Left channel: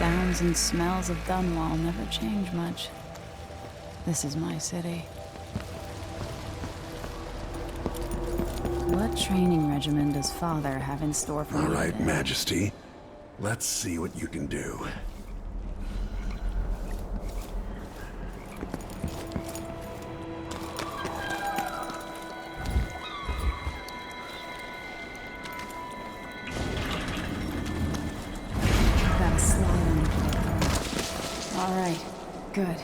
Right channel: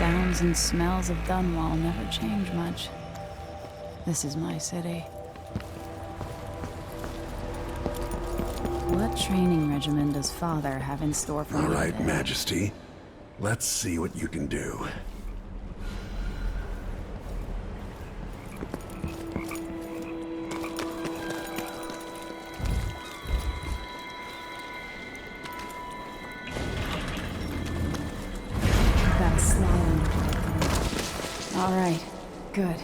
sounds and smells of Dunwall never change much. This is my city. What training regimen does Father have in store for me today? All right, Majesty. Let's see what you can do. Got a slide under the All right, good.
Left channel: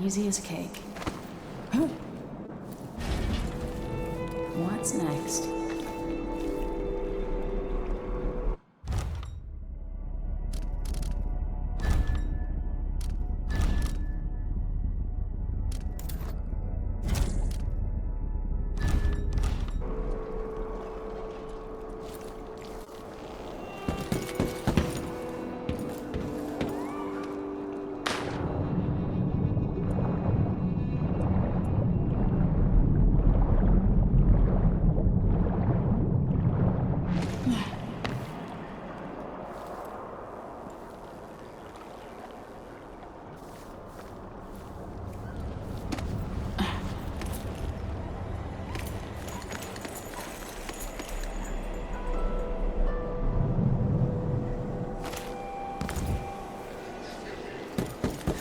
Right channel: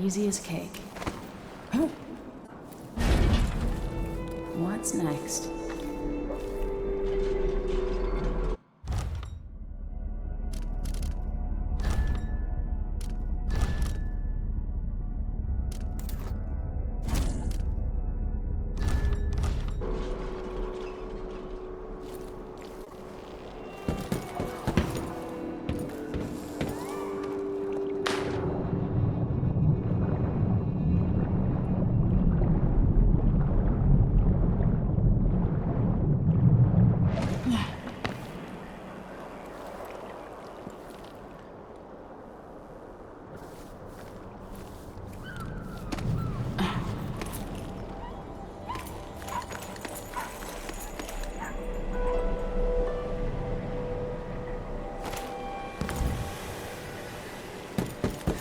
Easy as cake. What's next?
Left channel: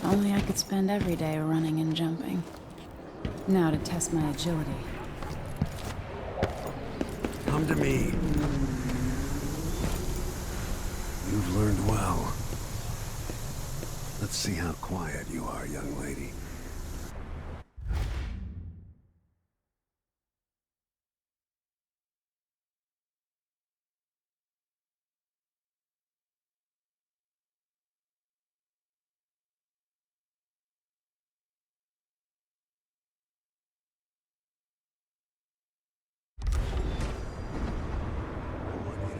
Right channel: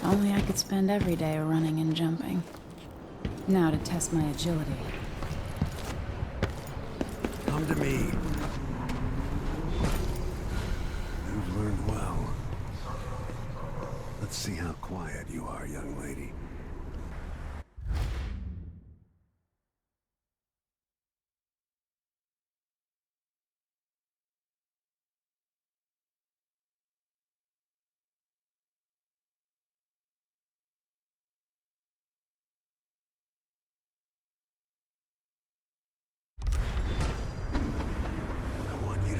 Only I could spend every day running and jumping. Now to test my agility. Come to me. You've learned well. Let's see how quiet you are, young lady.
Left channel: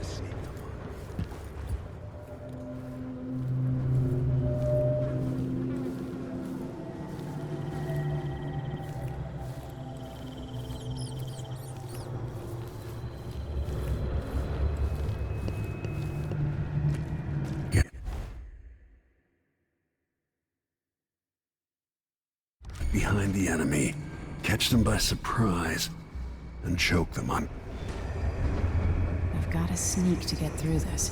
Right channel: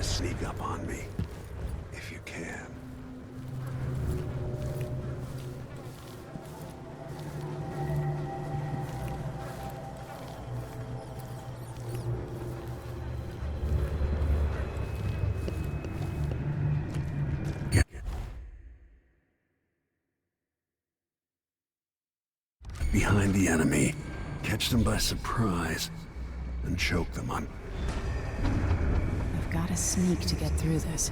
Sneak up on me, if you can. Get behind the enemy, catch them by surprise, and choke them on. I've got to sneak to get through this.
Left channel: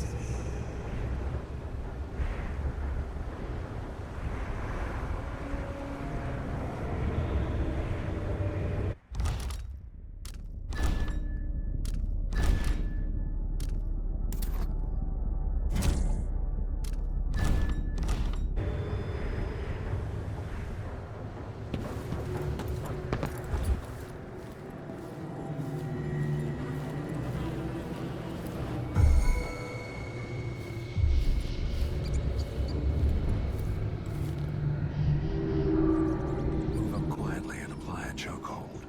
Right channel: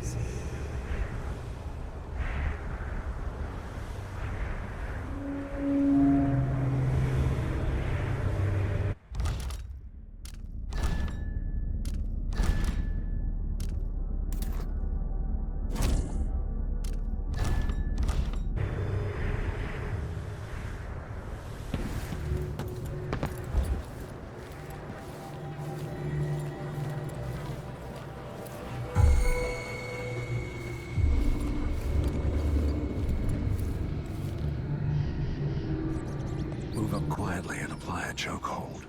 Chokehold.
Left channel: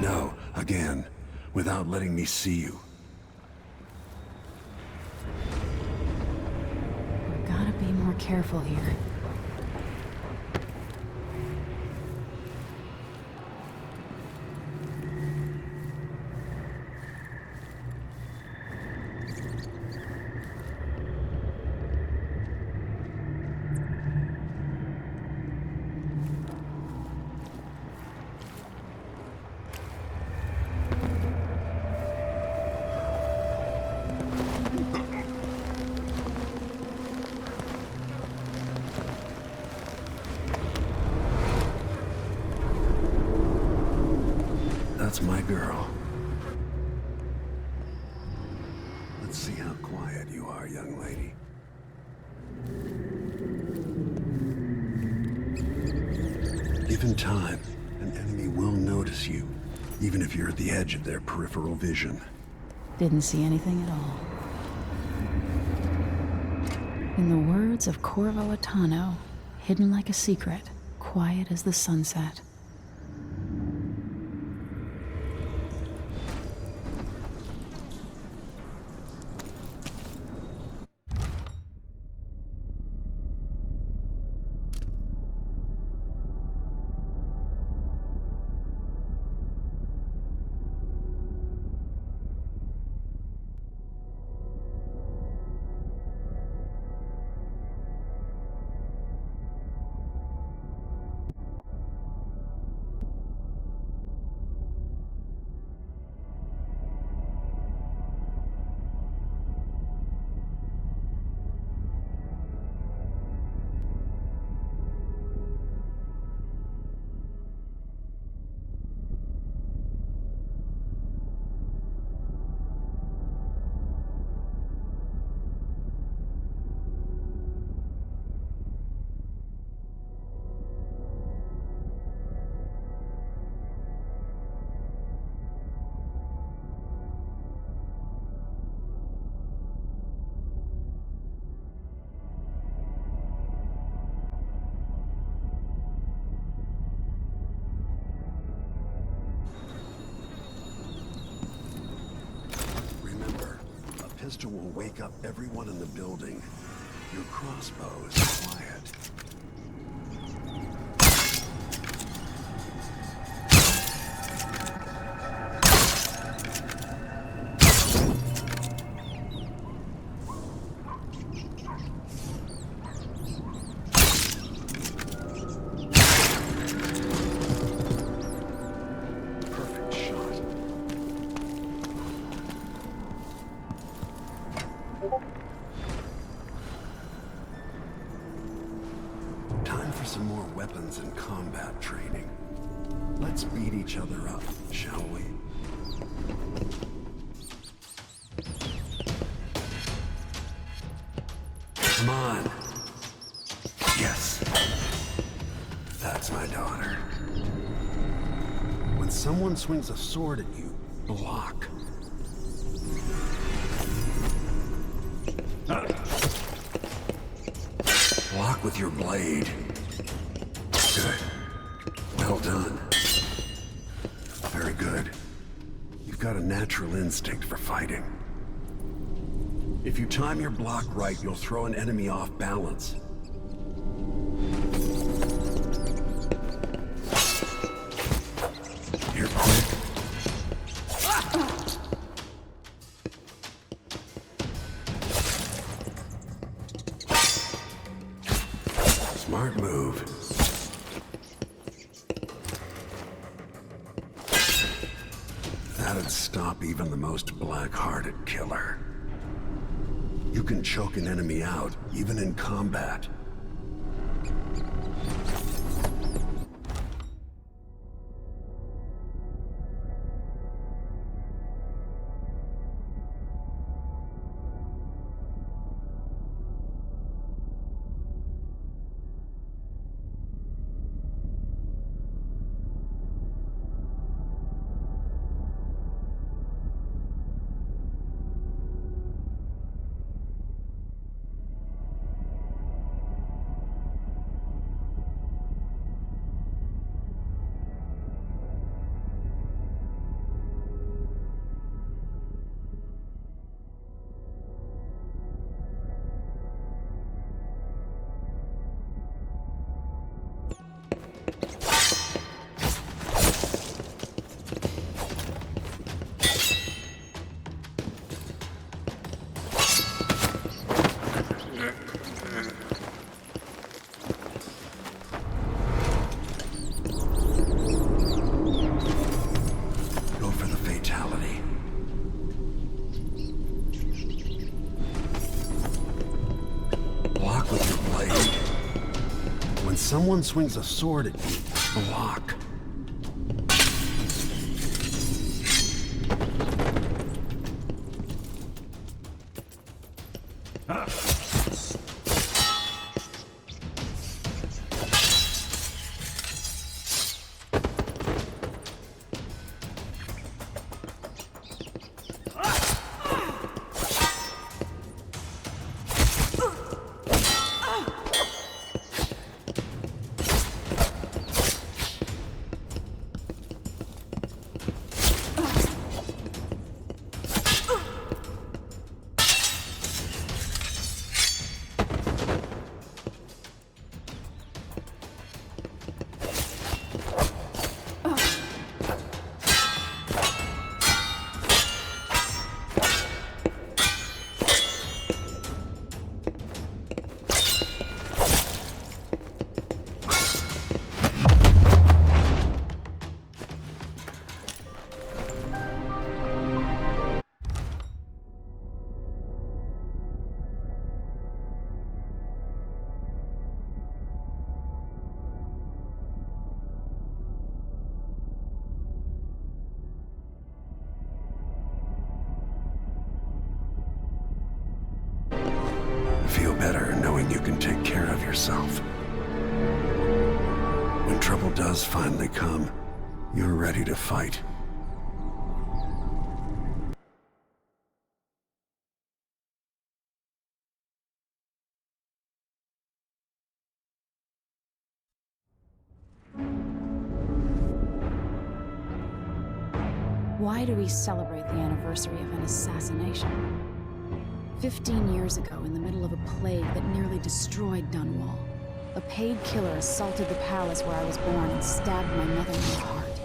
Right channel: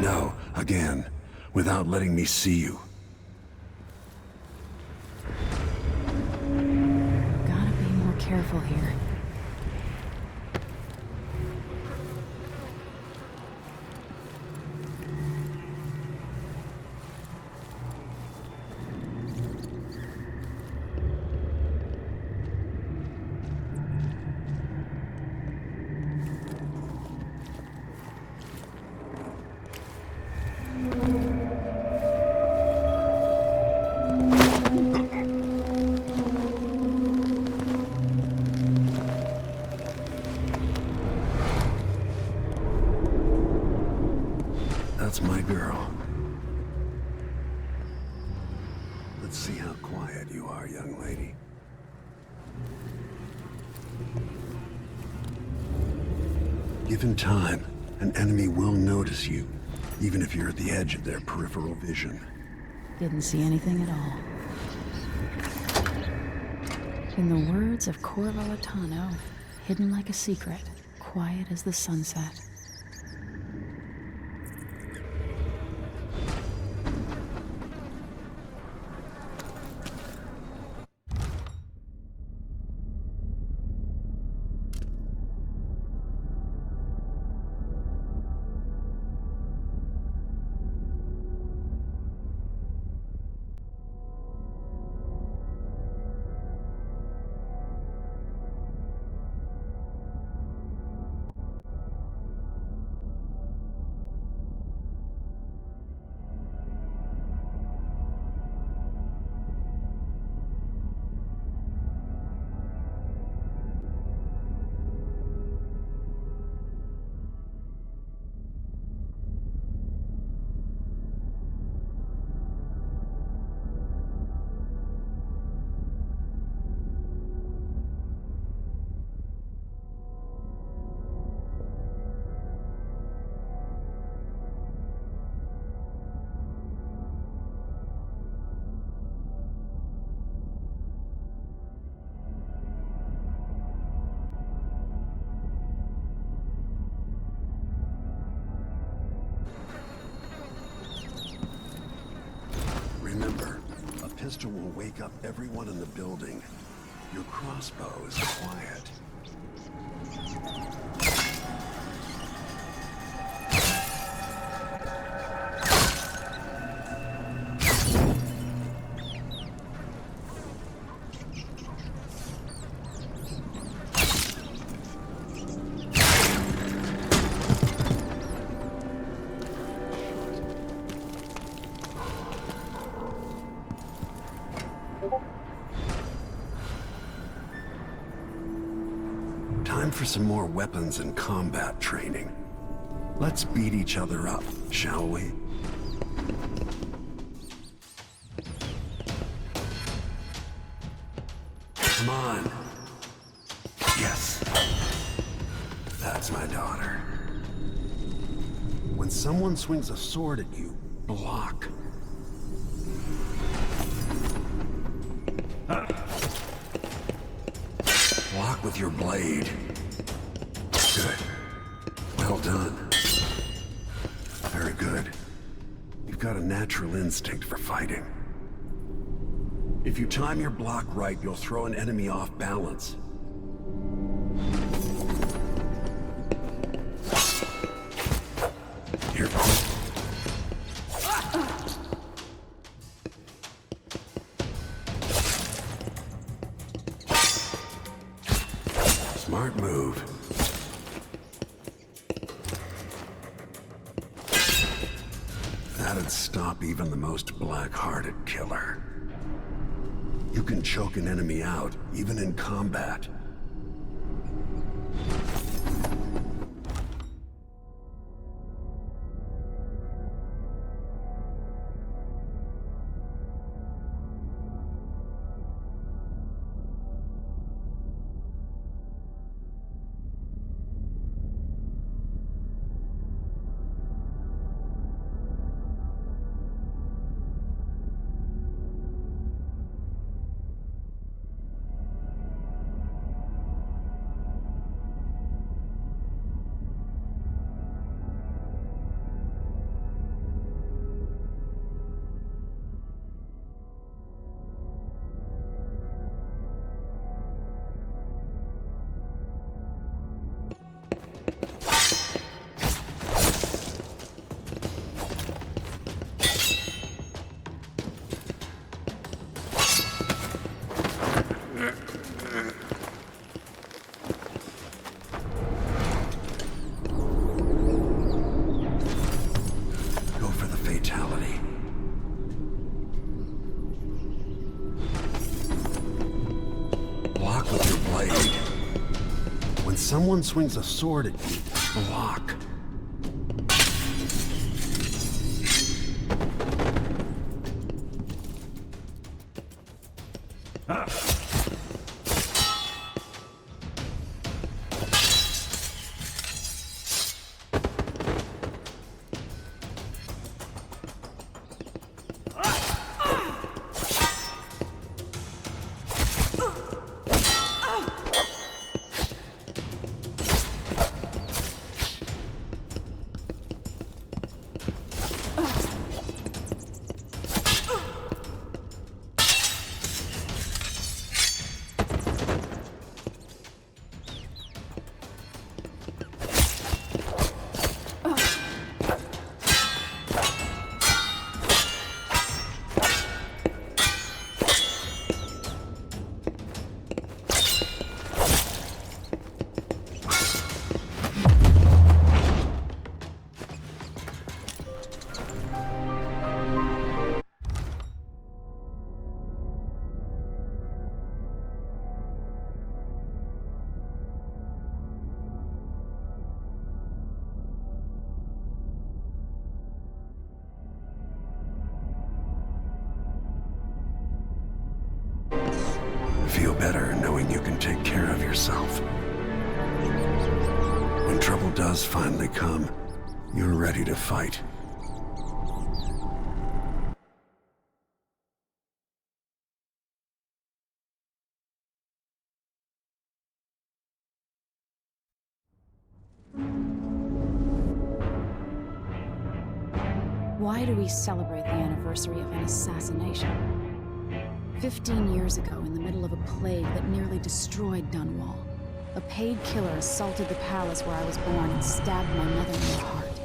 No, again, without letting me see you. Gotta be more careful here. That's my girl. Let's see how quiet you are, young lady. Given time, an enemy will notice you, even if you're at the edge of their peripheral vision. Didn't see anything at all. In the words of Corvo Attano, hidden like a secret, quiet as the sunset. pistol will wake up everyone in the building. Your crossbow is quiet. Time for some more weapons and combat training. Let's beat each other up, shall we? Come on. Yes. That's my daughter. When someone swings a sword at you, block. Block with your blade. Good. Well done. Very good. You've got a natural instinct for fighting. If you time your block right, you'll throw an enemy off balance. Here, quick. Smart move. That'd stop even the most black-hearted killer. You can choke an enemy out, even in combat. Someone swings a sword at you, block. Feel better knowing you can take care of yourself. When trouble does finally come, you're ready to fight. Why do we celebrate the anniversary of an assassination? 15 years ago, in the middle of a plague that nearly destroyed Dunwall, a paid killer assaulted the palace where I was born and stabbed my mother in the heart.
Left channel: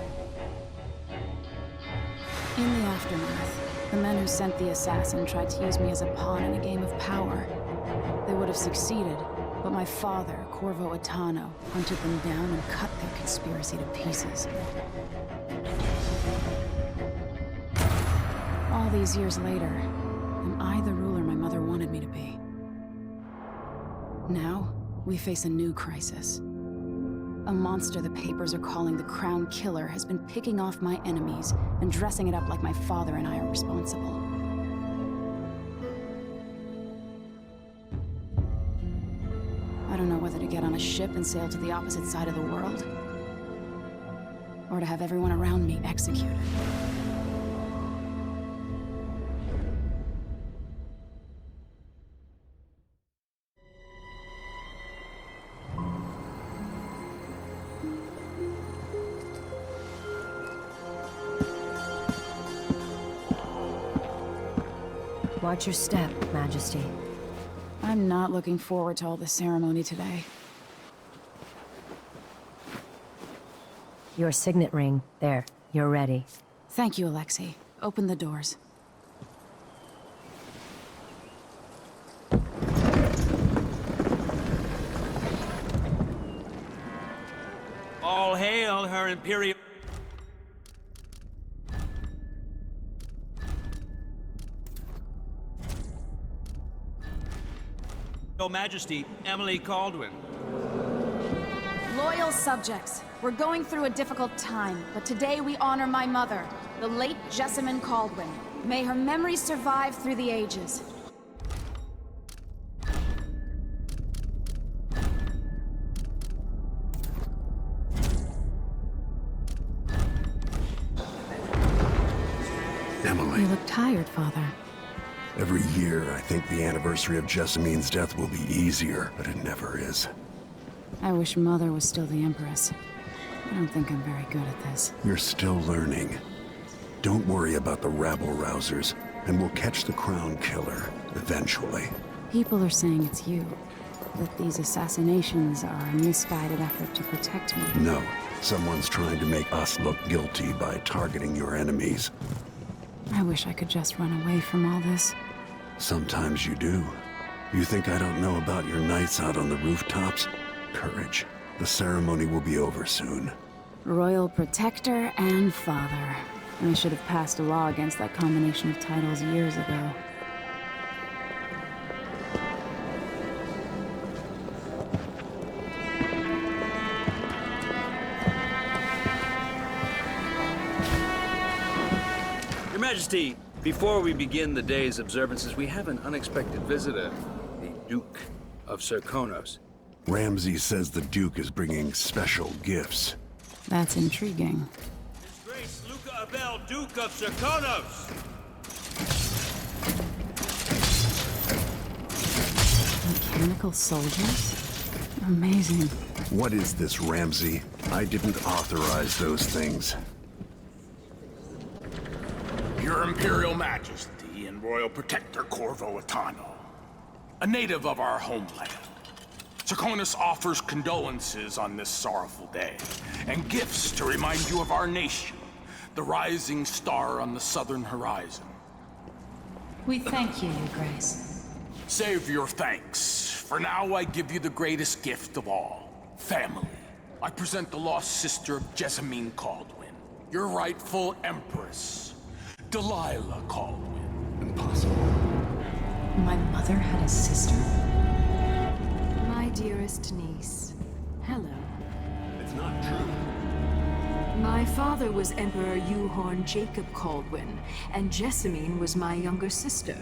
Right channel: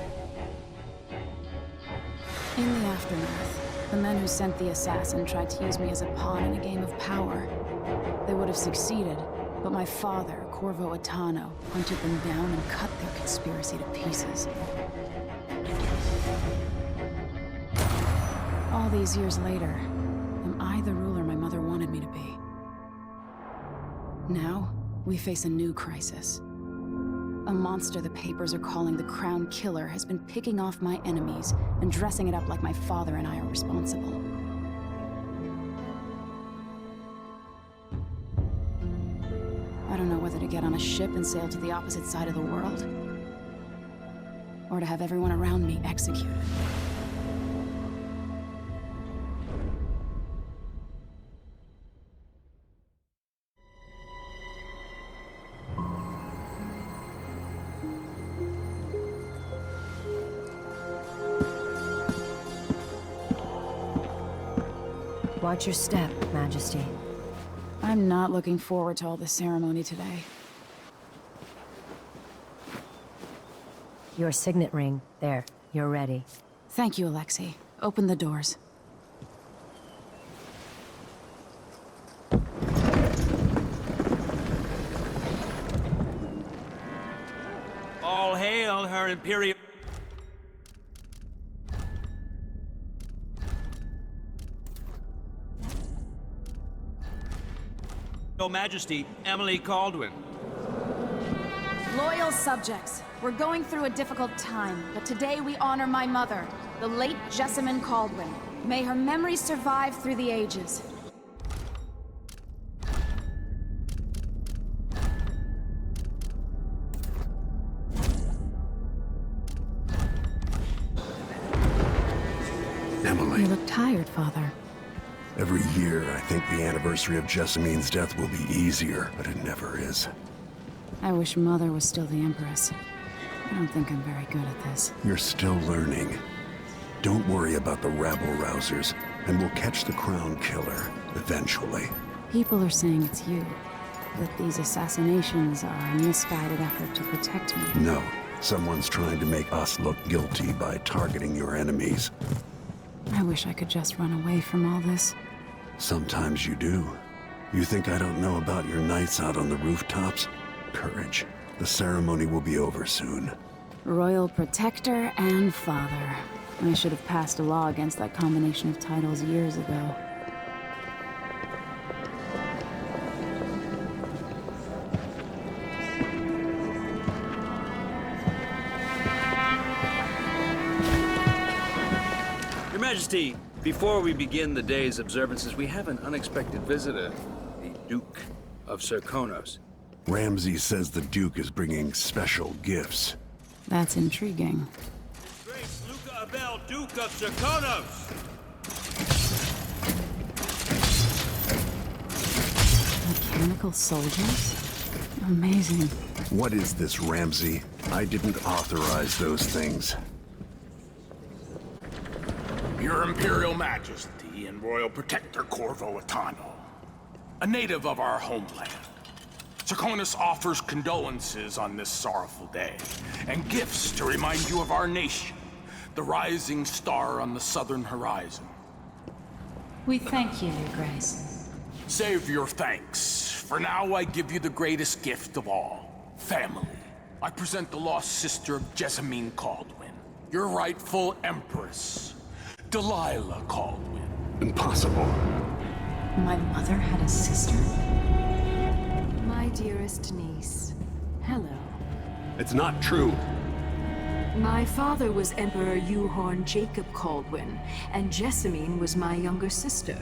In the aftermath, the men who sent the assassin tried to use me as a pawn in a game of power. They would have succeeded, but my father, Corvo Attano, hunted them down and cut their conspiracy to pieces. All these years later, am I the ruler my mother wanted me to be? Now, we face a new crisis. A monster the papers are calling the Crown Killer has been picking off my enemies and dressing it up like my father and I are responsible. I don't know whether to get on a ship and sail to the opposite side of the world, or to have everyone around me executed. Watch your step, Majesty. I'm not looking forward to all the ceremony today. Your signet ring. There, you're ready. Thank you, Alexei. Open the doors. All hail her Imperial... Your Majesty, Emily Kaldwin. Loyal subjects, we're going through a difficult time, but today we honor my mother, the late Jessamine Kaldwin. May her memory survive through the ages. Emily. You look tired, Father. Every year, I think the anniversary of Jessamine's death will be easier, but it never is. I wish Mother was still the Empress. I don't think I'm very good at this. You're still learning. Don't worry about the rabble-rousers, and we'll catch the Crown Killer, eventually. People are saying it's you. That these assassinations are a misguided effort to protect me. No, someone's trying to make us look guilty by targeting your enemies. I wish I could just run away from all this. Sometimes you do. You think I don't know about your nights out on the rooftops? Courage. The ceremony will be over soon. Royal Protector and Father. I should have passed a law against that combination of titles years ago. Your Majesty, before we begin the day's observances, we have an unexpected visitor, the Duke of Serkonos. Ramsay says the Duke is bringing special gifts. That's intriguing. His Grace Luca Abel, Duke of Serkonos! Mechanical soldiers? Amazing. What is this, Ramsay? I didn't authorize those things. Your Imperial Majesty and Royal Protector Corvo Attano, a native of our homeland. Serkonos offers condolences on this sorrowful day, and gifts to remind you of our nation, the rising star on the southern horizon. We thank you, Your Grace. Save your thanks. For now, I give you the greatest gift of all, family. I present the lost sister of Jessamine Kaldwin, your rightful Empress, Delilah Kaldwin. Impossible. My mother had a sister? My dearest niece, hello. It's not true. My father was Emperor Uhorn Jacob Kaldwin, and Jessamine was my younger sister.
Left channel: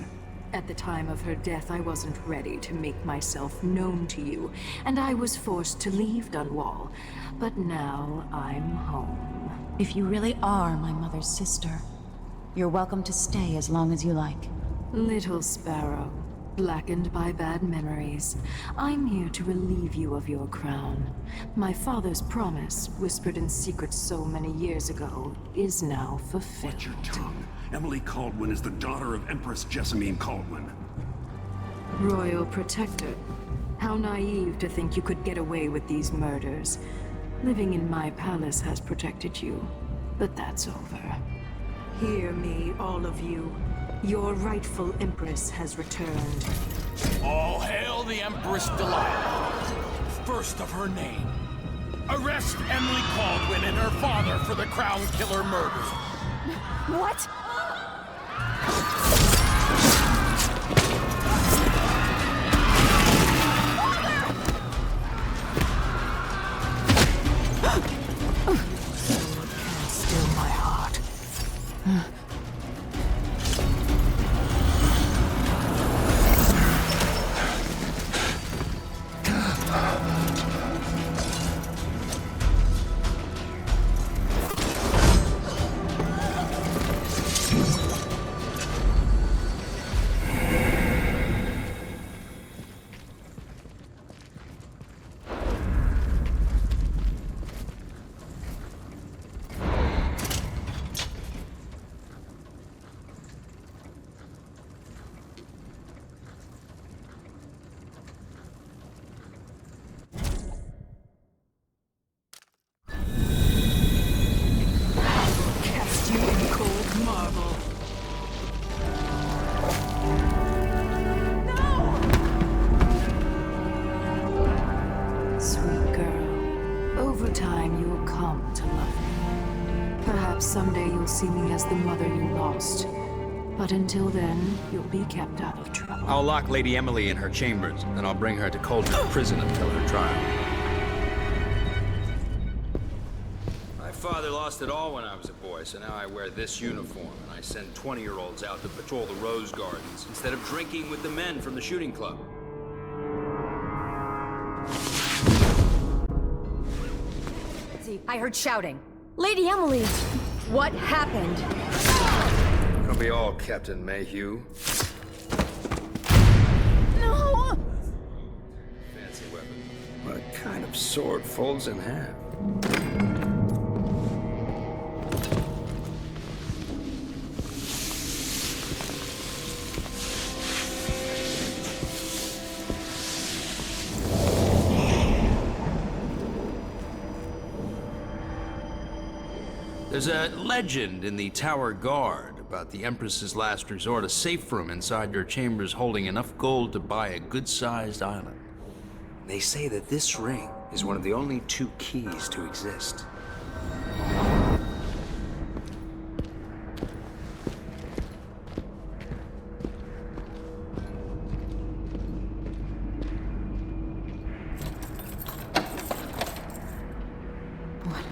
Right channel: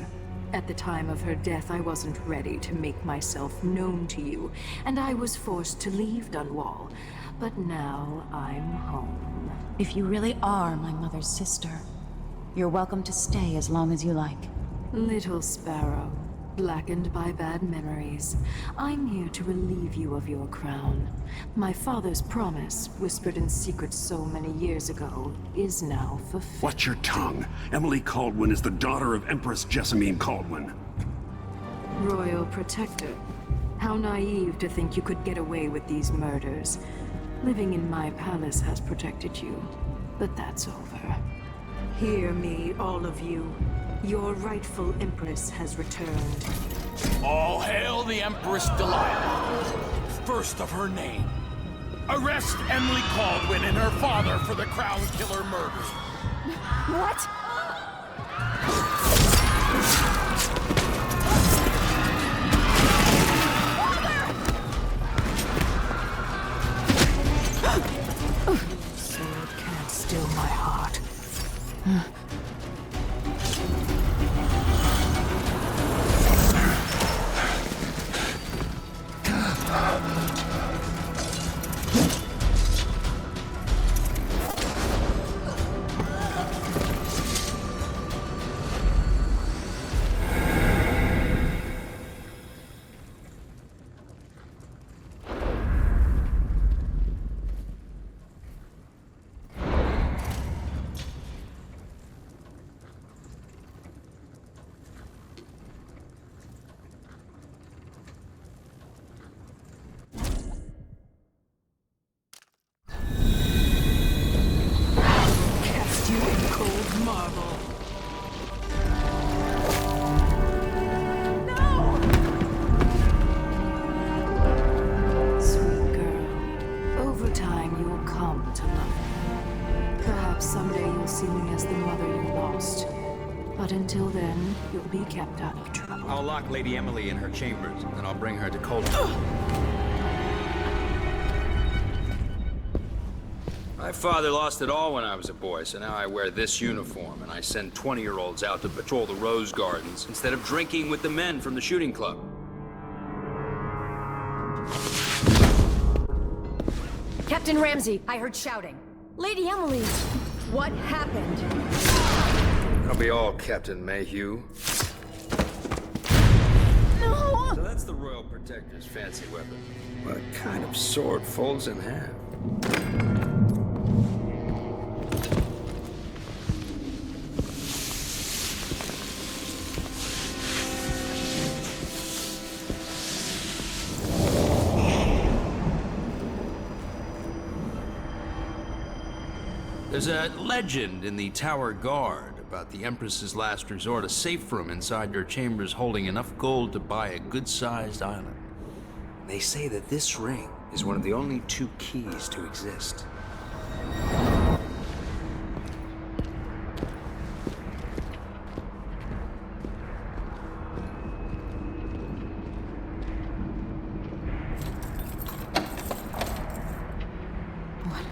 At the time of her death, I wasn't ready to make myself known to you, and I was forced to leave Dunwall. But now I'm home. If you really are my mother's sister, you're welcome to stay as long as you like. Little sparrow, blackened by bad memories, I'm here to relieve you of your crown. My father's promise, whispered in secret so many years ago, is now fulfilled. Watch your tongue. Emily Kaldwin is the daughter of Empress Jessamine Kaldwin. Royal Protector. How naive to think you could get away with these murders. Living in my palace has protected you, but that's over. Hear me, all of you. Your rightful Empress has returned. All hail the Empress Delilah, first of her name. Arrest Emily Kaldwin and her father for the Crown Killer murder. What? Sword can't still my heart. You in cold marble. No! Sweet girl, over time you will come to love me. Perhaps someday you'll see me as the mother you lost. But until then, you'll be kept out of trouble. I'll lock Lady Emily in her chambers, and I'll bring her to Cauldron Prison until her trial. My father lost it all when I was a boy, so now I wear this uniform, and I send 20-year-olds out to patrol the rose gardens instead of drinking with the men from the shooting club. Captain Ramsey, I heard shouting. Lady Emily, what happened? Don't be all Captain Mayhew. No! So that's the Royal Protector's fancy weapon. What kind of sword folds in half? There's a legend in the Tower Guard about the Empress's last resort, a safe room inside your chambers holding enough gold to buy a good-sized island. They say that this ring is one of the only 2 keys to exist.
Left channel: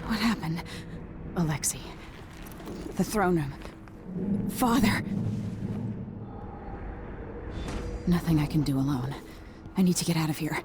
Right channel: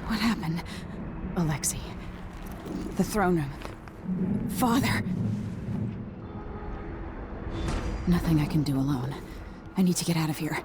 What happened? Alexei. The throne room. Father. Nothing I can do alone. I need to get out of here.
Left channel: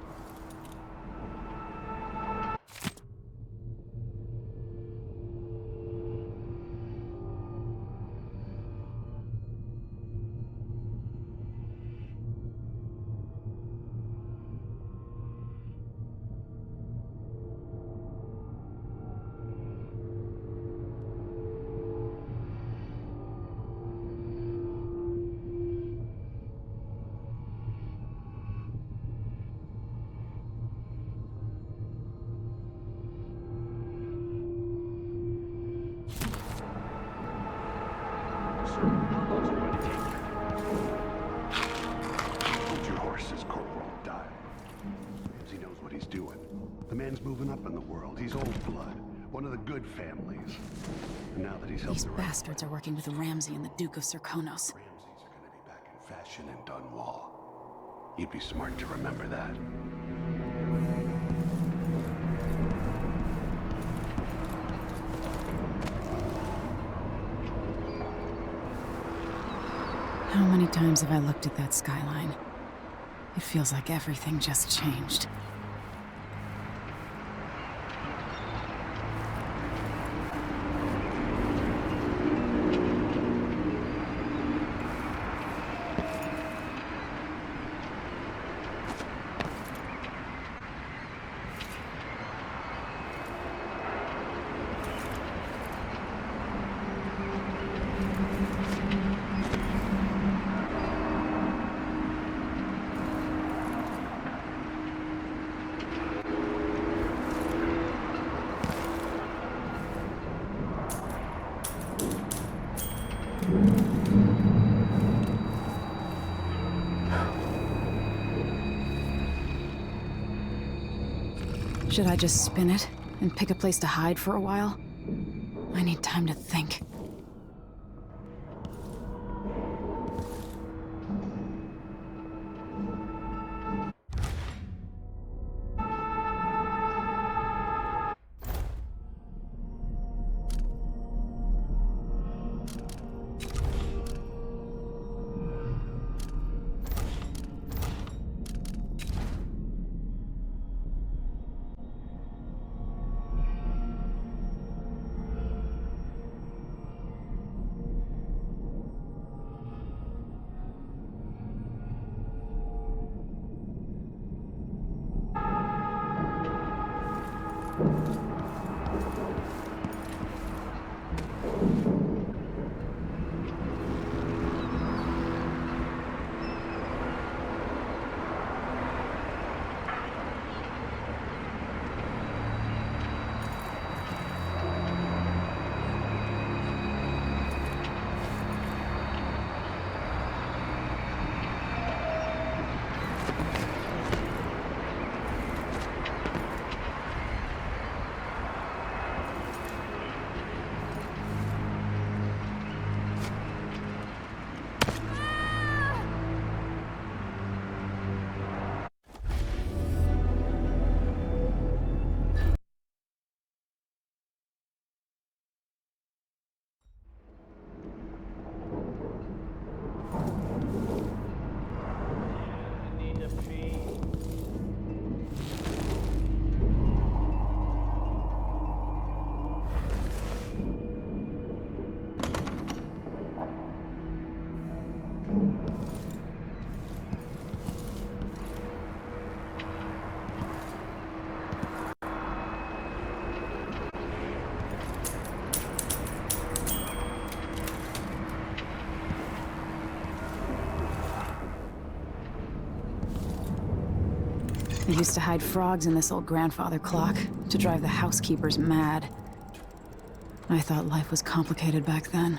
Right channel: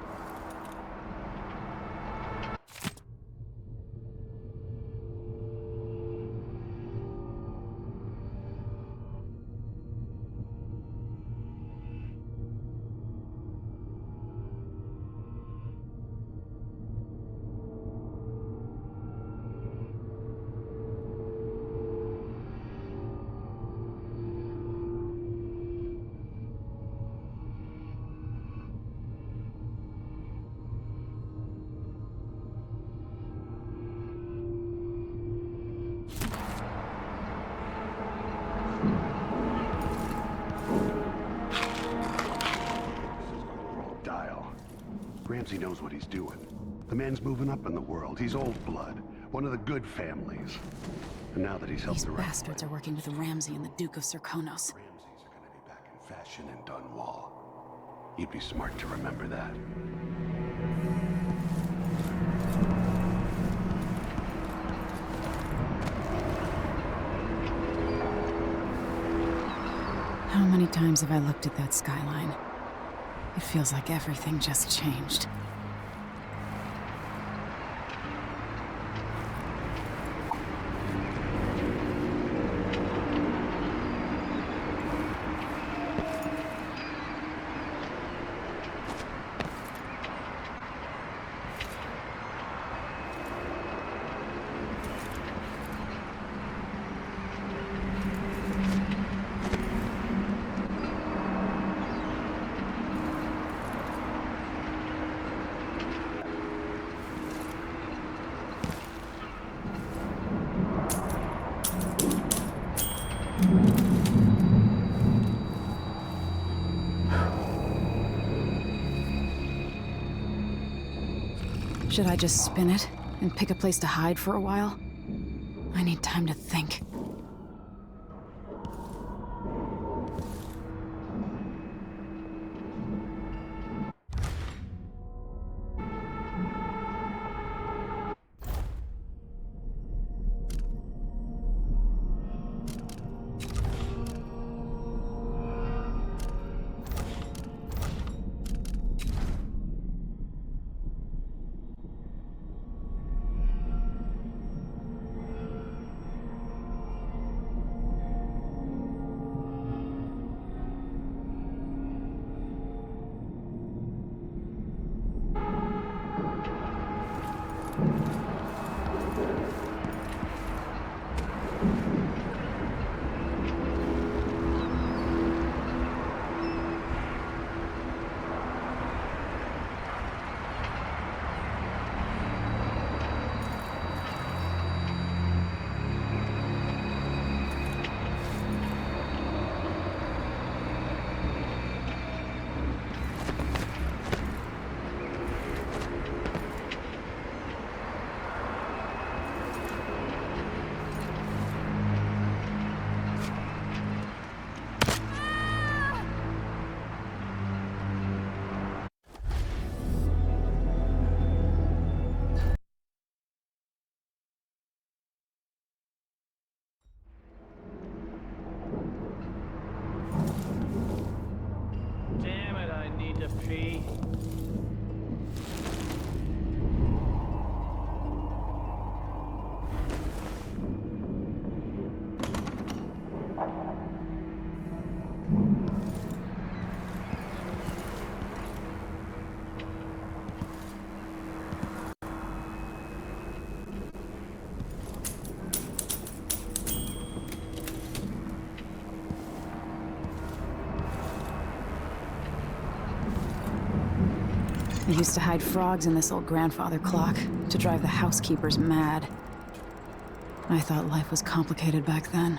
Ramsey knows what he's doing. The man's moving up in the world. He's old blood. One of the good families. And now that he's helped These the right bastards are working with Ramsey and the Duke of Serkonos. Ramseys are gonna be back in fashion in Dunwall. You'd be smart to remember that. How many times have I looked at that skyline? It feels like everything just changed. Should I just spin it and pick a place to hide for a while? I need time to think. I used to hide frogs in this old grandfather clock to drive the housekeepers mad. I thought life was complicated back then.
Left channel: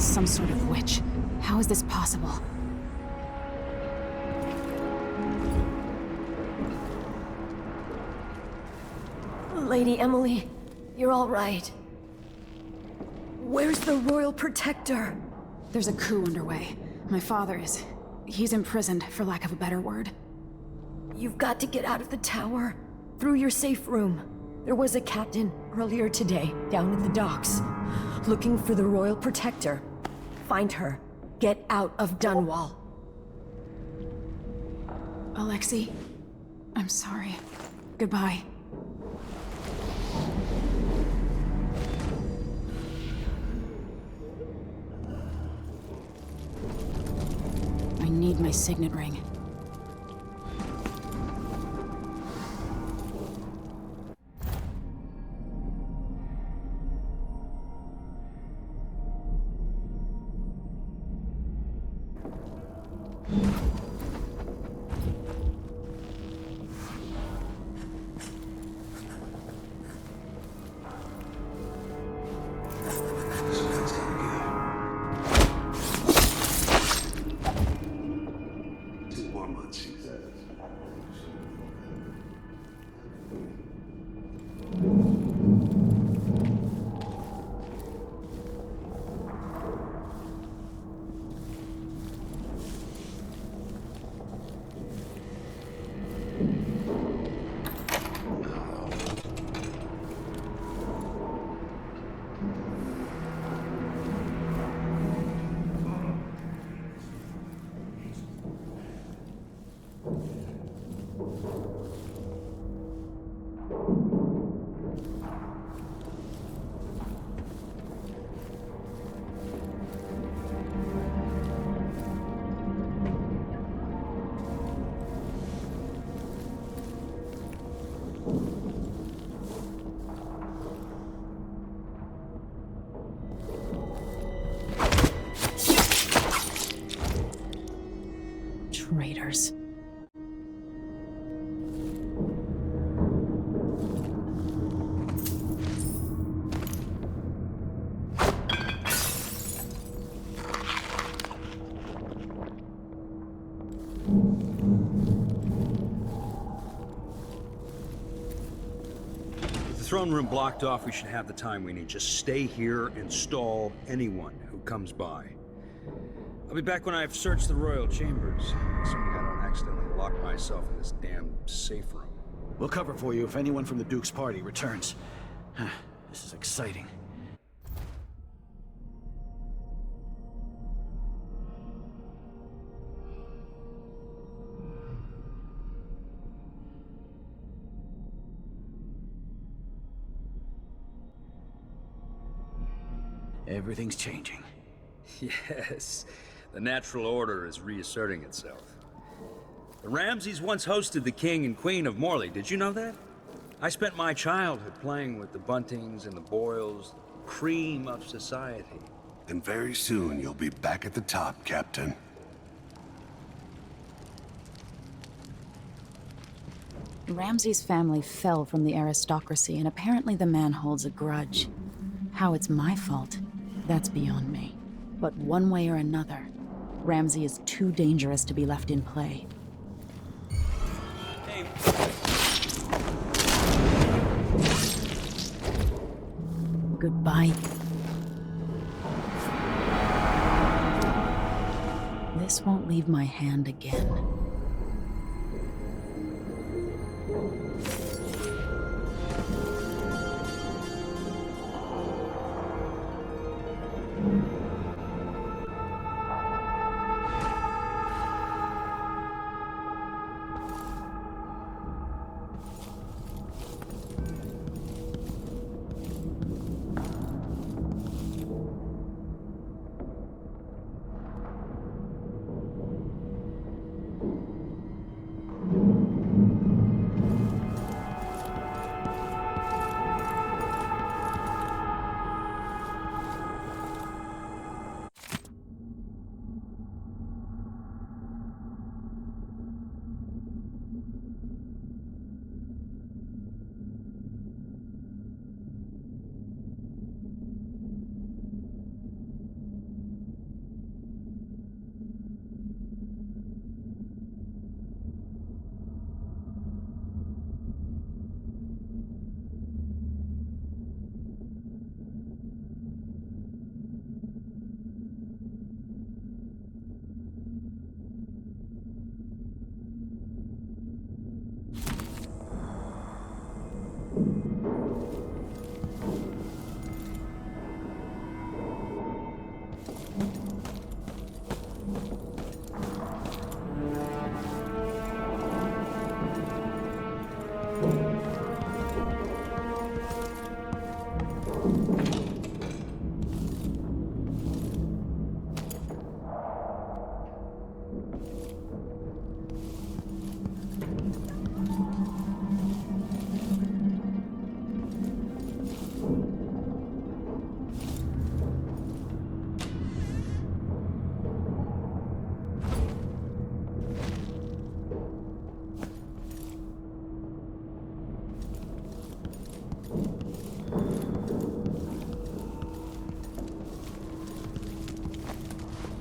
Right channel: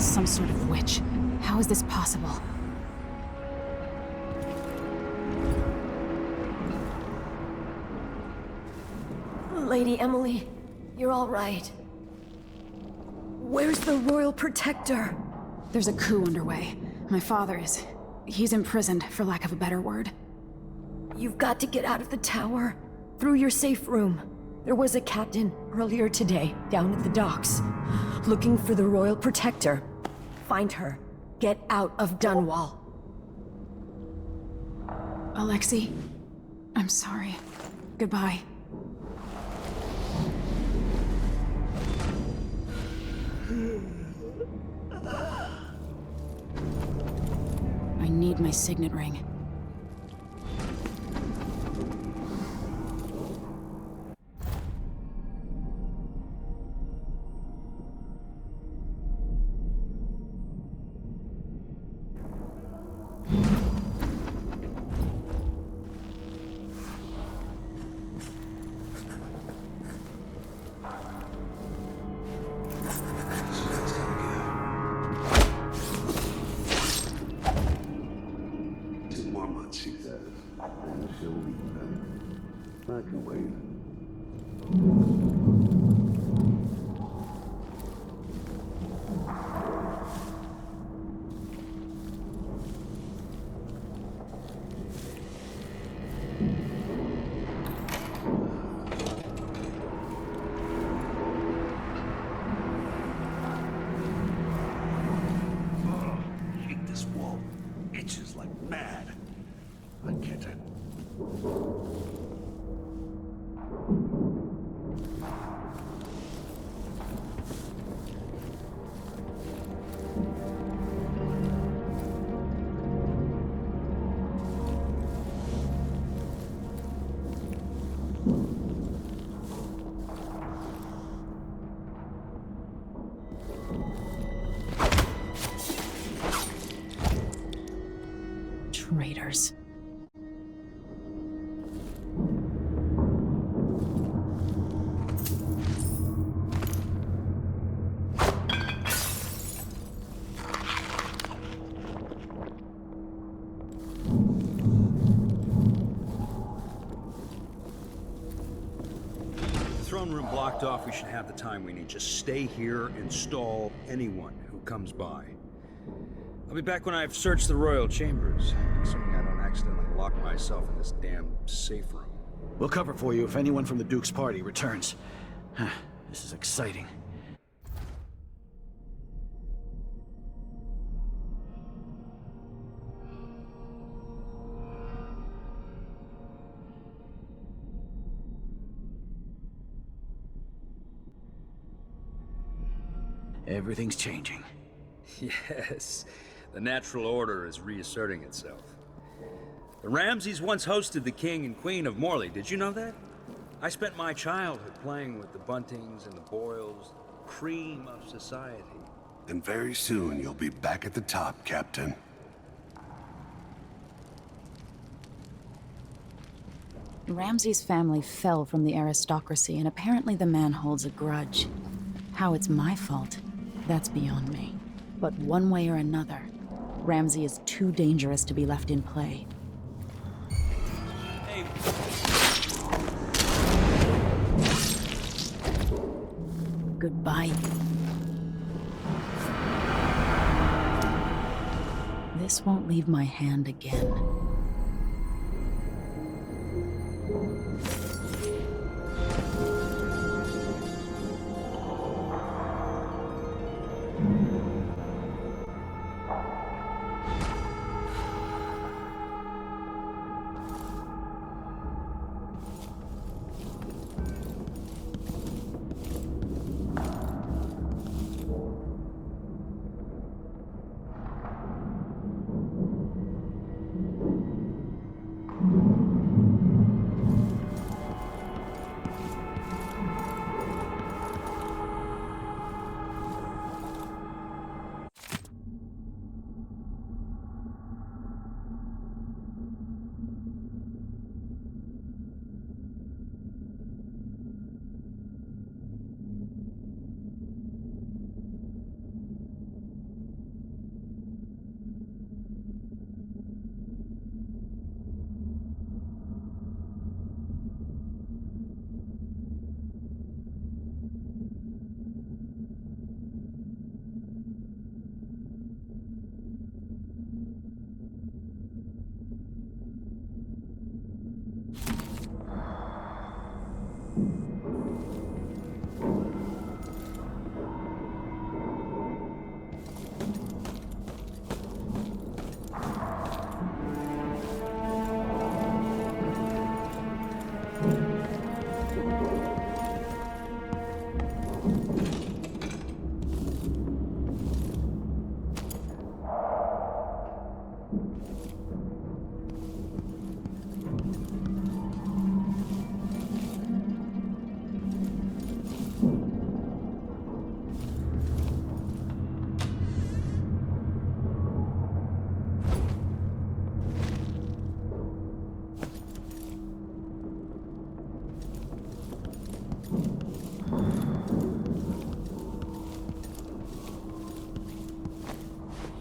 Some sort of witch. How is this possible? Lady Emily, you're all right. Where's the Royal Protector? There's a coup underway. My father is... he's imprisoned, for lack of a better word. You've got to get out of the tower. Through your safe room. There was a captain earlier today, down at the docks. Looking for the Royal Protector. Find her. Get out of Dunwall. Alexei, I'm sorry. Goodbye. I need my signet ring. She says, and she'll be better. I can wait. Raiders. Throne room blocked off, we should have the time we need. Just stay here and stall anyone who comes by. I'll be back when I've searched the royal chambers, assuming I don't accidentally lock myself in this damn safe room. We'll cover for you if anyone from the Duke's party returns. This is exciting. Everything's changing. Yes, the natural order is reasserting itself. The Ramseys once hosted the King and Queen of Morley, did you know that? I spent my childhood playing with the Buntings and the Boyles, the cream of society. And very soon you'll be back at the top, Captain. Ramsay's family fell from the aristocracy, and apparently the man holds a grudge. How it's my fault, that's beyond me. But one way or another, Ramsay is too dangerous to be left in play. Hey. Goodbye. This won't leave my hand again.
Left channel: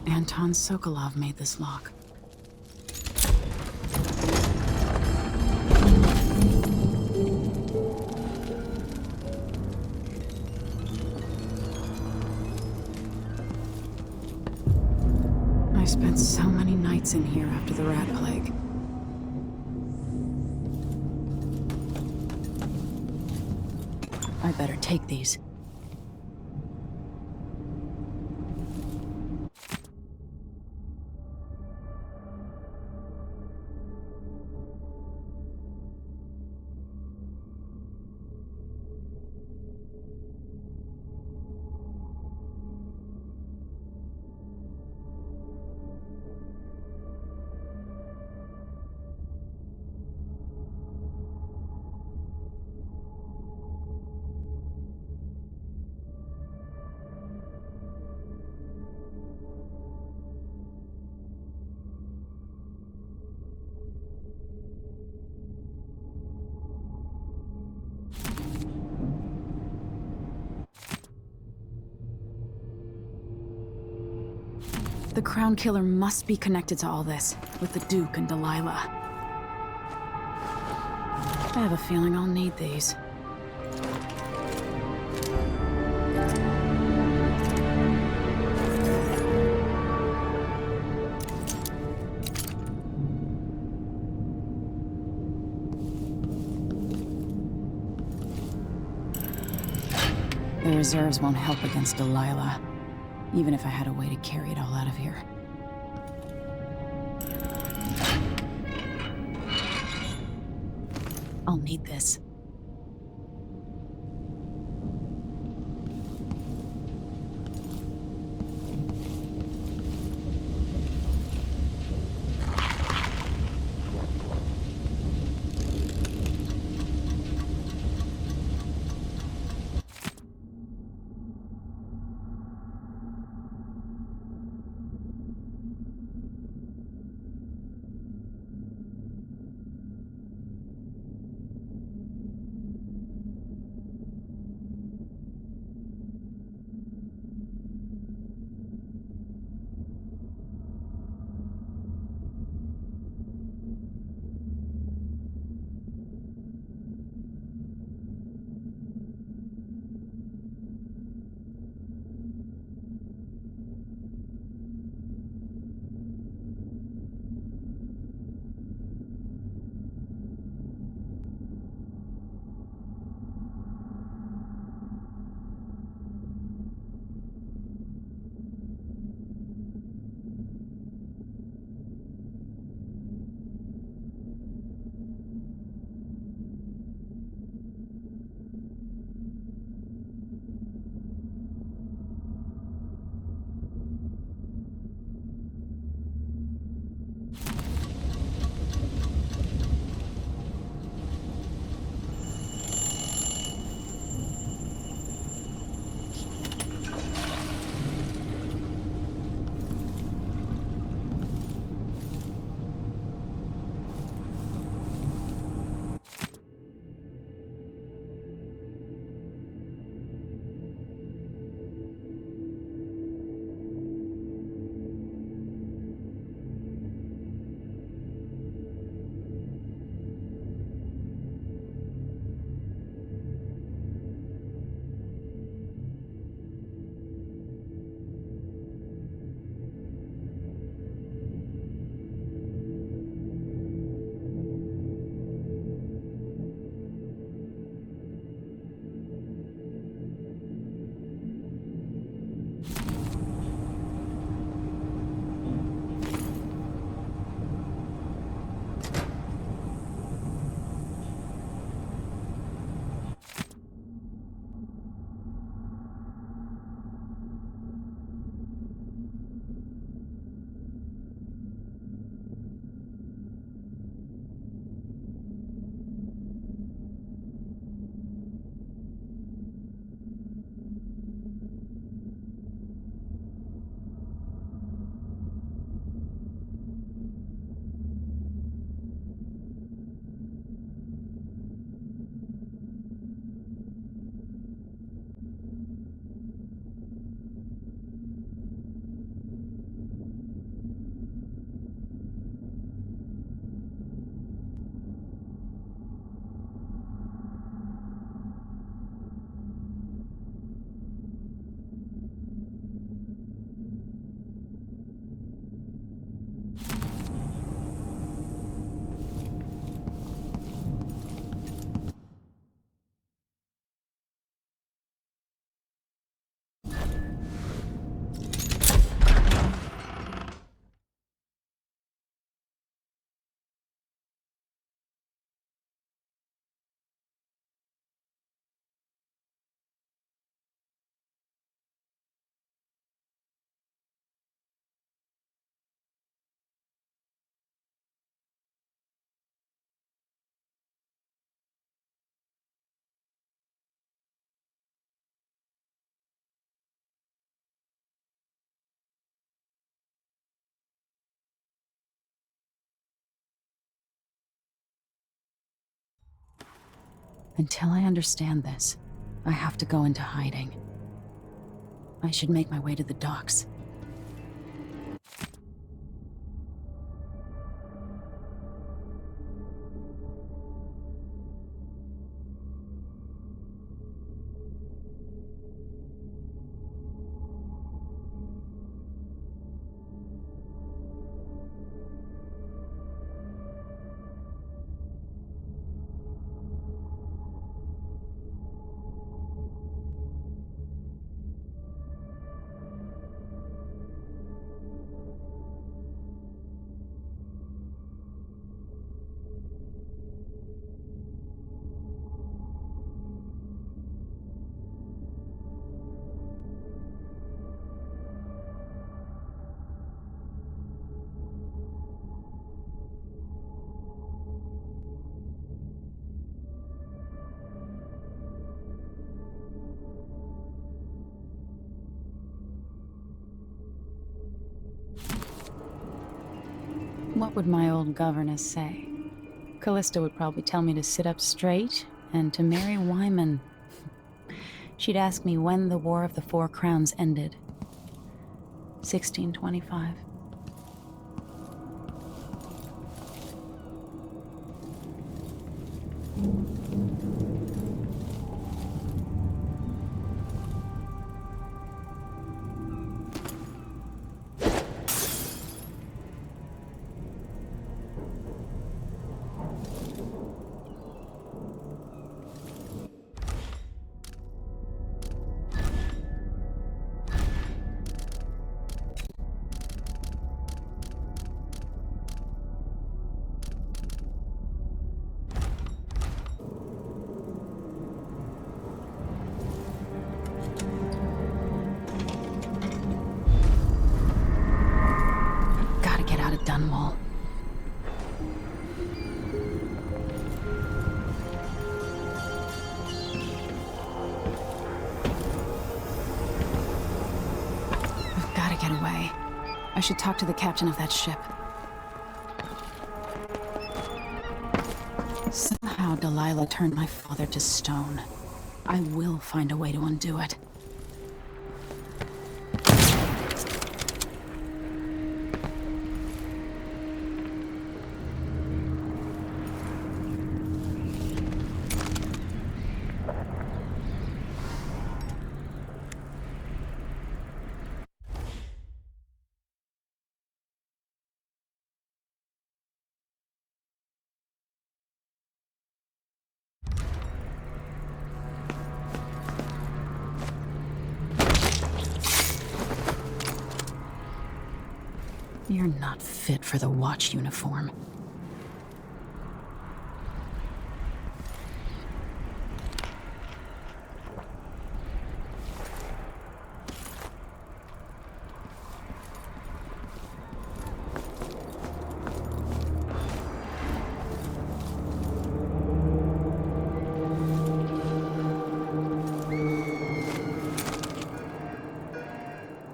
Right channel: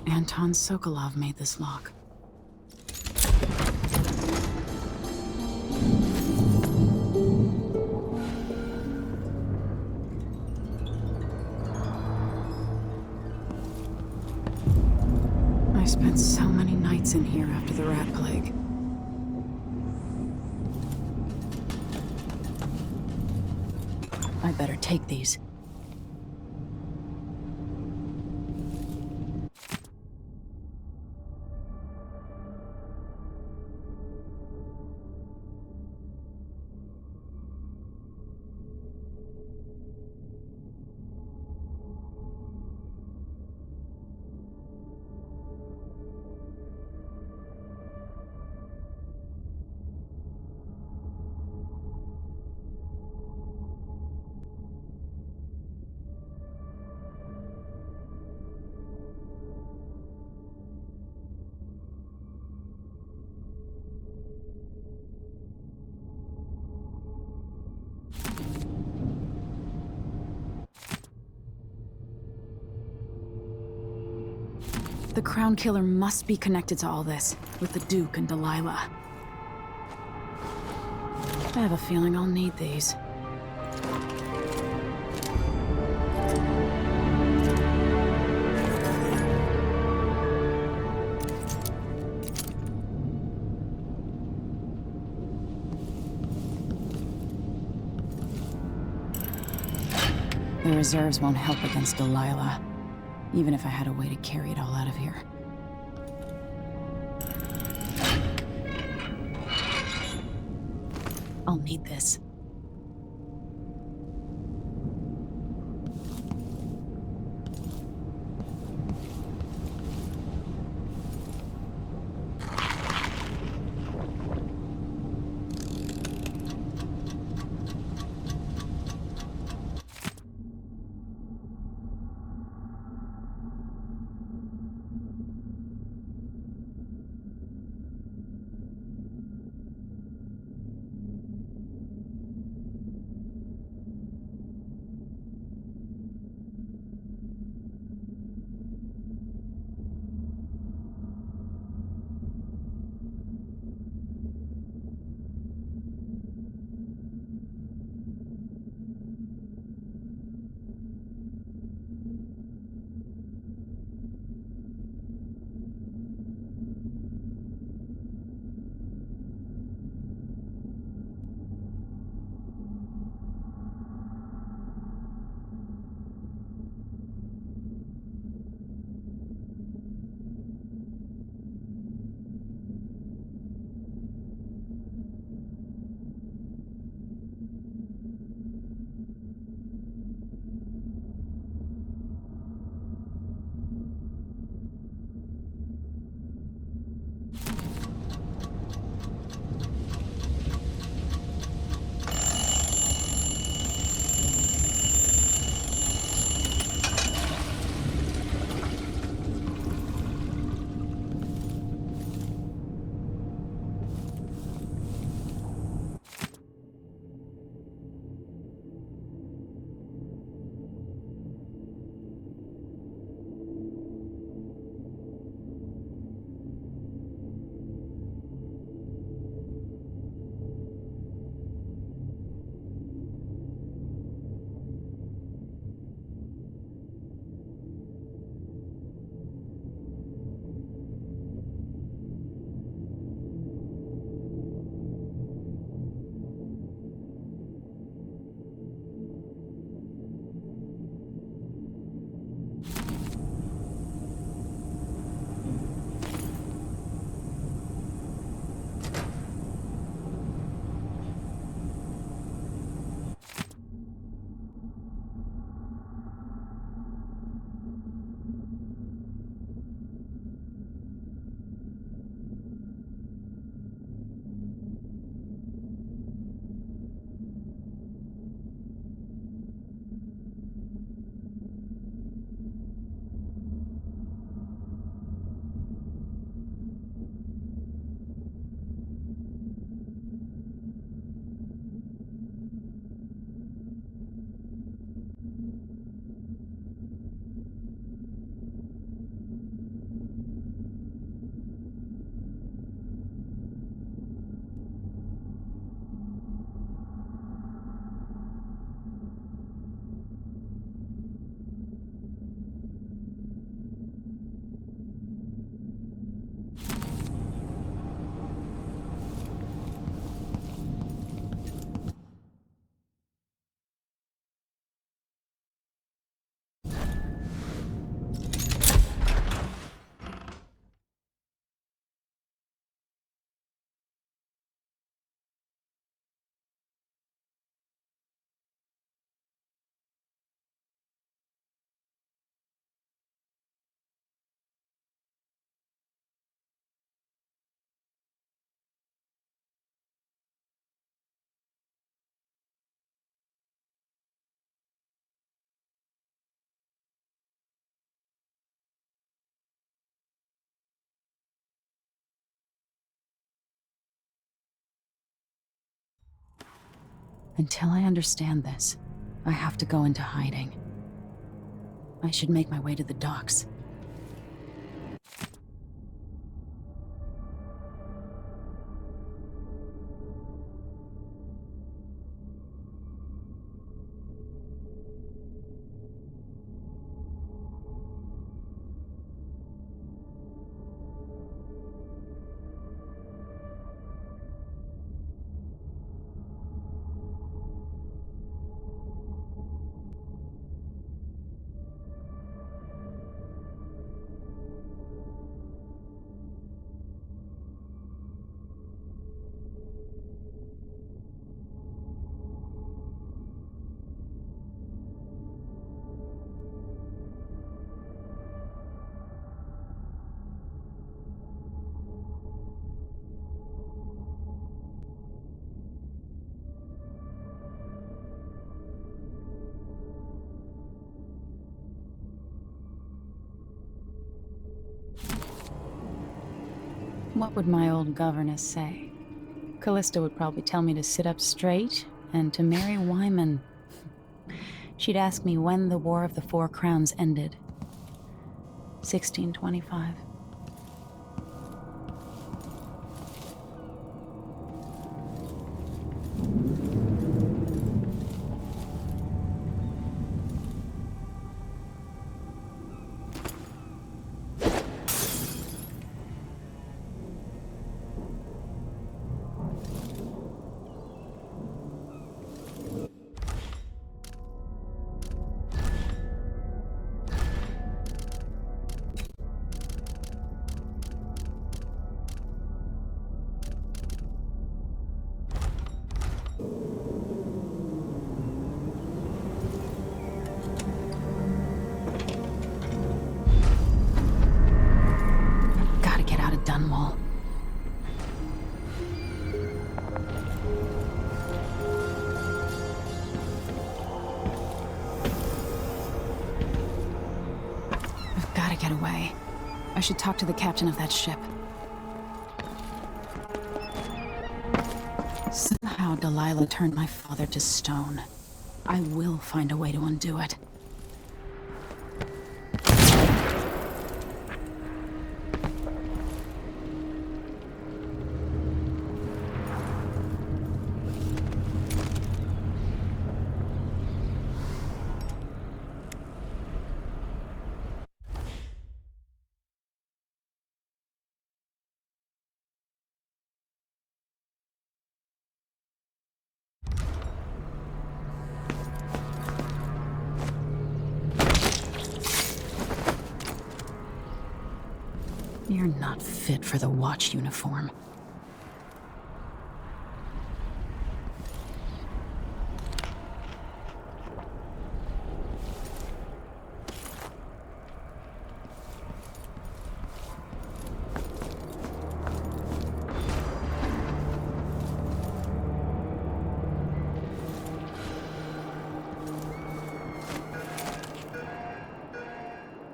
Anton Sokolov made this lock. I spent so many nights in here after the rat plague. I better take these. The Crown Killer must be connected to all this, with the Duke and Delilah. I have a feeling I'll need these. The reserves won't help against Delilah, even if I had a way to carry it all out of here. I'll need this. Until I understand this, I have to go into hiding. I should make my way to the docks. What would my old governess say? Callista would probably tell me to sit up straight and to marry Wyman. She'd ask me when the War of the Four Crowns ended. 1625. Dunwall. I've got to get away. I should talk to the captain of that ship. Somehow Delilah turned my father to stone. I will find a way to undo it. You're not fit for the watch uniform.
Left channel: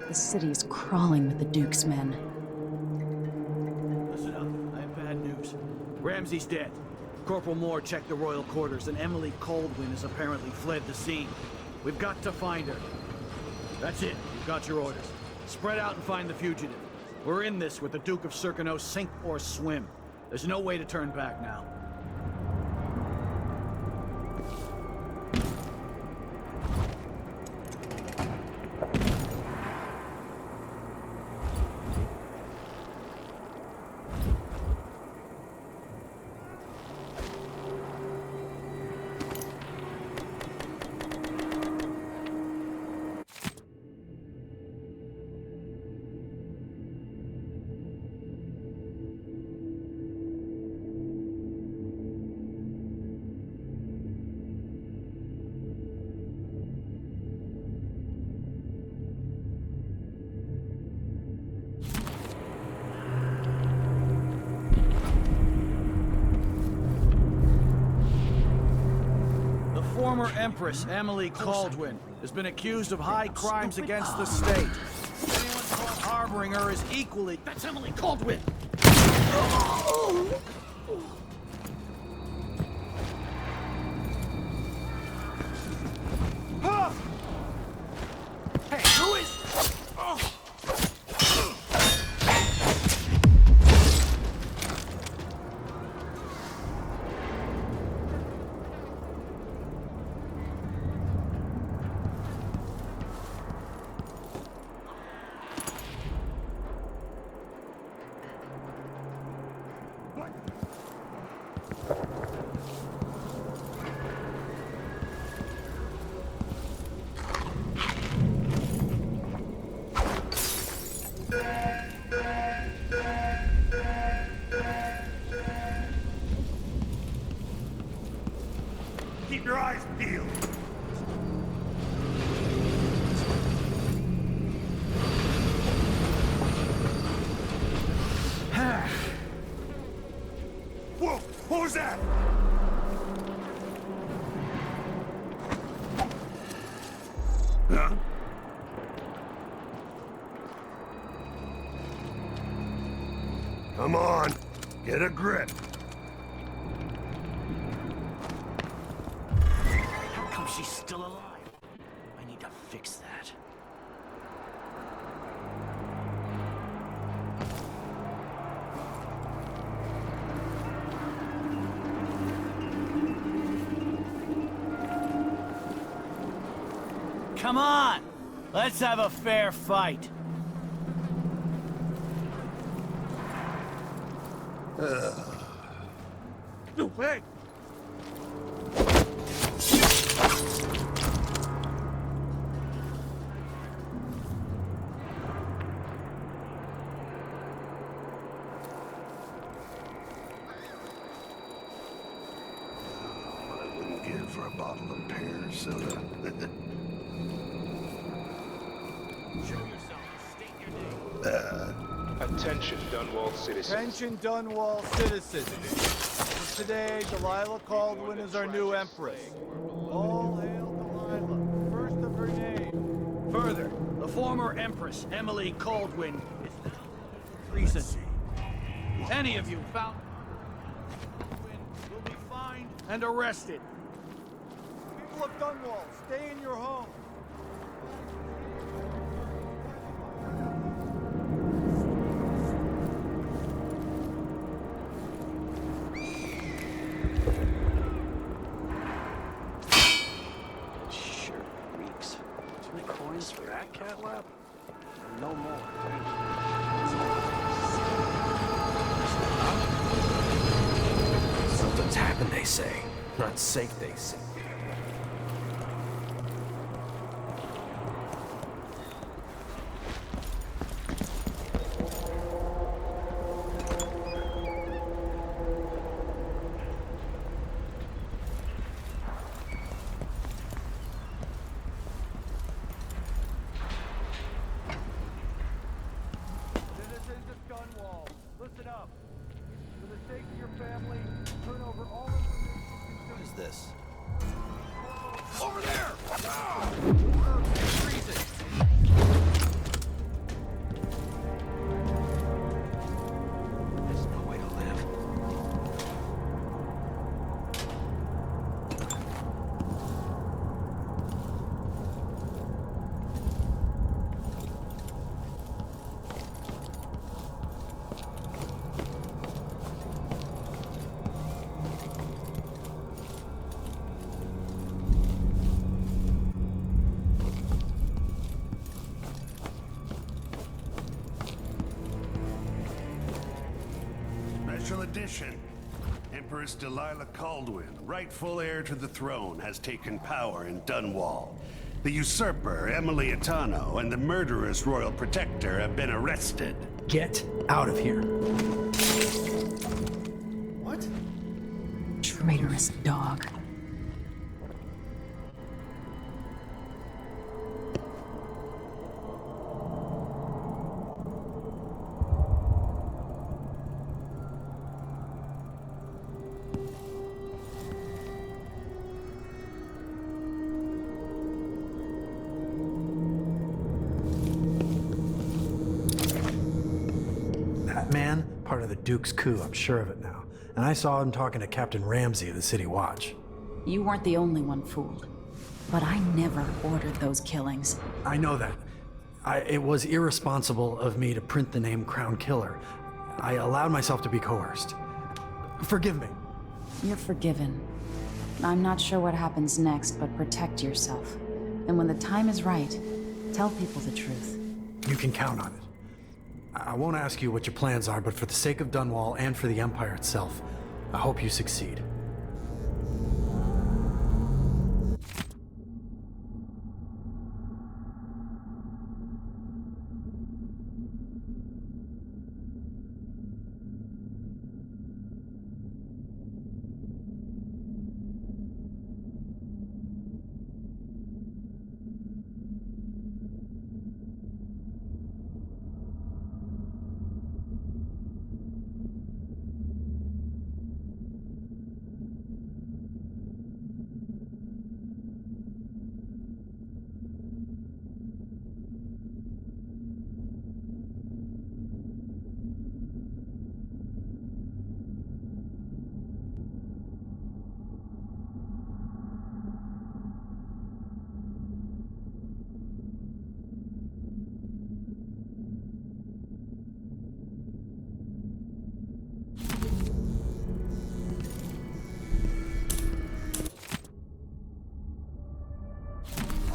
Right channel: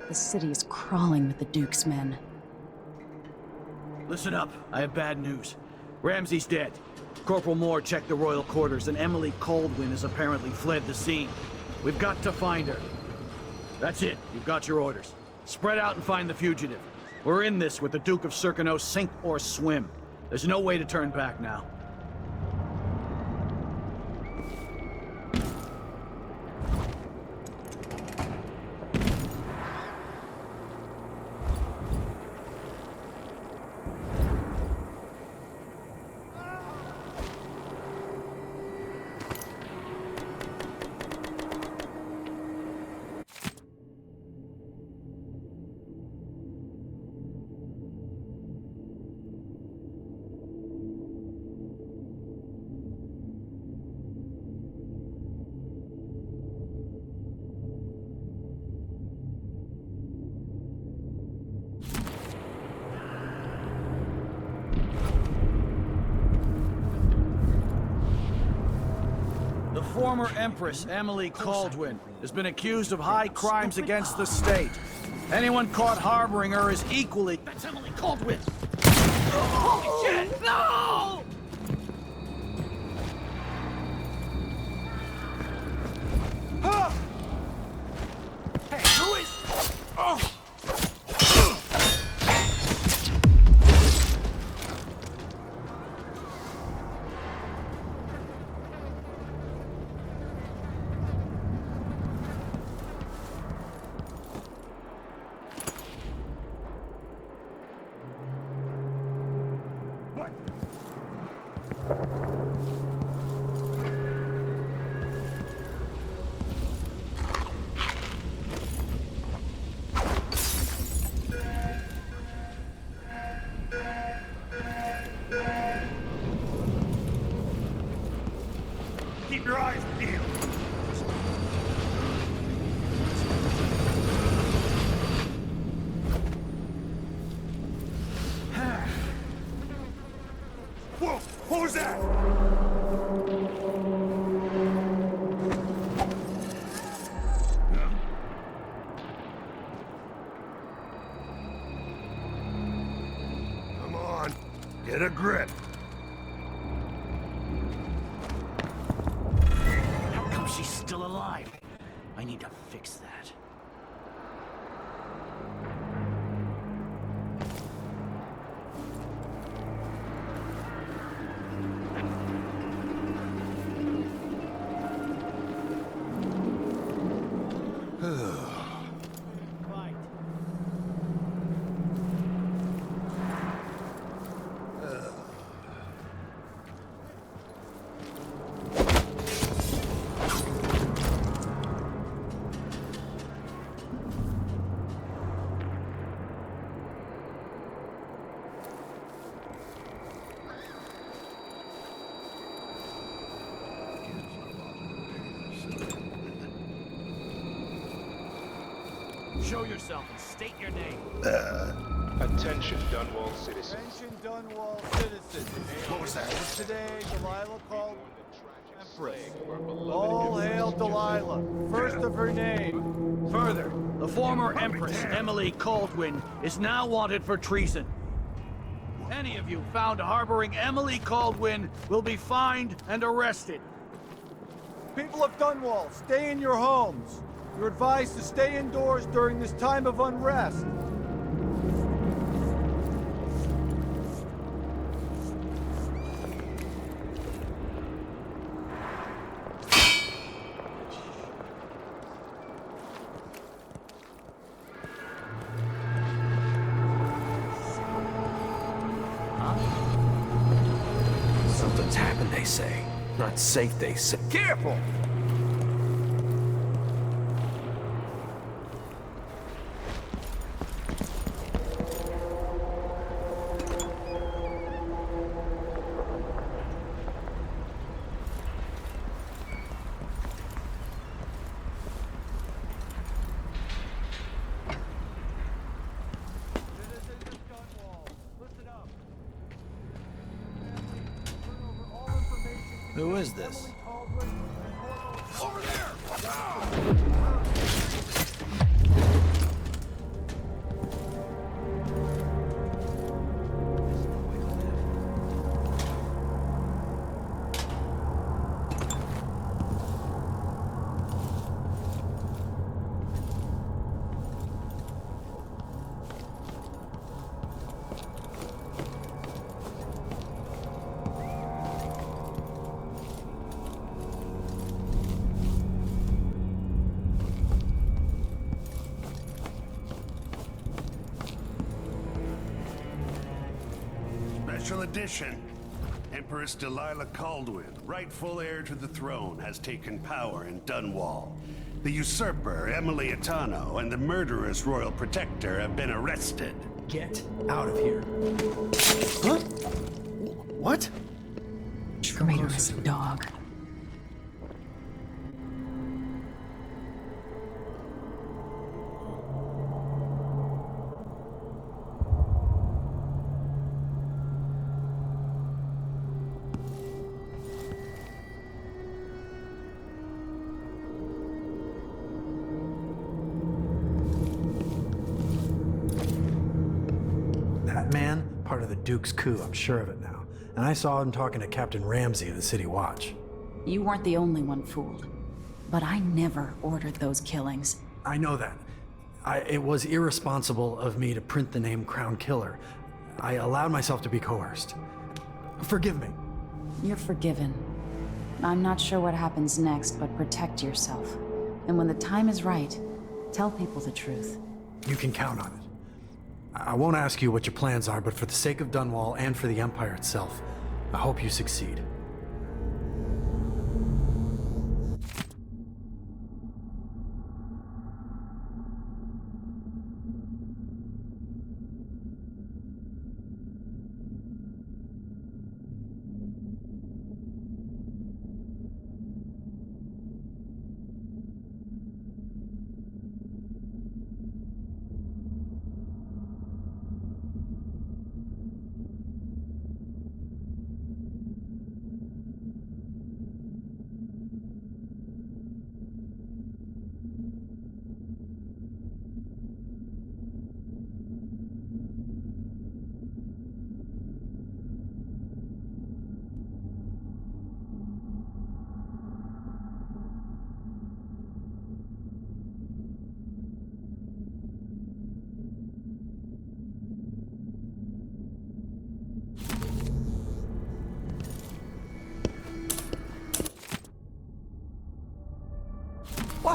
The city is crawling with the Duke's men. Listen up, I have bad news. Ramsey's dead. Corporal Moore checked the royal quarters, and Emily Kaldwin has apparently fled the scene. We've got to find her. That's it, you've got your orders. Spread out and find the fugitive. We're in this with the Duke of Serkino, sink or swim. There's no way to turn back now. Former Empress Emily Kaldwin has been accused of high crimes against the state. Anyone caught harboring her is equally... That's Emily Kaldwin! No! Huh! Hey, who is... Oh! Keep your eyes peeled. Whoa! What was that? Huh? Come on, get a grip. How come she's still alive? I need to fix that. Come on! Let's have a fair fight. Hey! I wouldn't give for a bottle of pear soda. Show yourself and state your name. Attention, Dunwall citizens. Attention, Dunwall citizens. As of today, Delilah Kaldwin is our new Empress. All hail Delilah, first of her name. Further, the former Empress Emily Kaldwin is now wanted for treason. Any of you found harboring Emily Kaldwin will be fined and arrested. People of Dunwall, stay in your homes. You're advised to stay indoors during this time of unrest. Something's happened, they say. Not safe, they say. Careful! Citizens of Dunwall, listen up. For the sake of your family, turn over all information. Who is this? Over there! There's no way to live. Special edition. Empress Delilah Kaldwin, rightful heir to the throne, has taken power in Dunwall. The usurper, Emily Attano, and the murderous royal protector have been arrested. Get out of here. Huh? What? Traitorous dog. That man, part of the Duke's coup, I'm sure of it now. And I saw him talking to Captain Ramsey of the City Watch. You weren't the only one fooled. But I never ordered those killings. I know that. It was irresponsible of me to print the name Crown Killer. I allowed myself to be coerced. Forgive me. You're forgiven. I'm not sure what happens next, but protect yourself. And when the time is right, tell people the truth. You can count on it. I won't ask you what your plans are, but for the sake of Dunwall and for the Empire itself, I hope you succeed.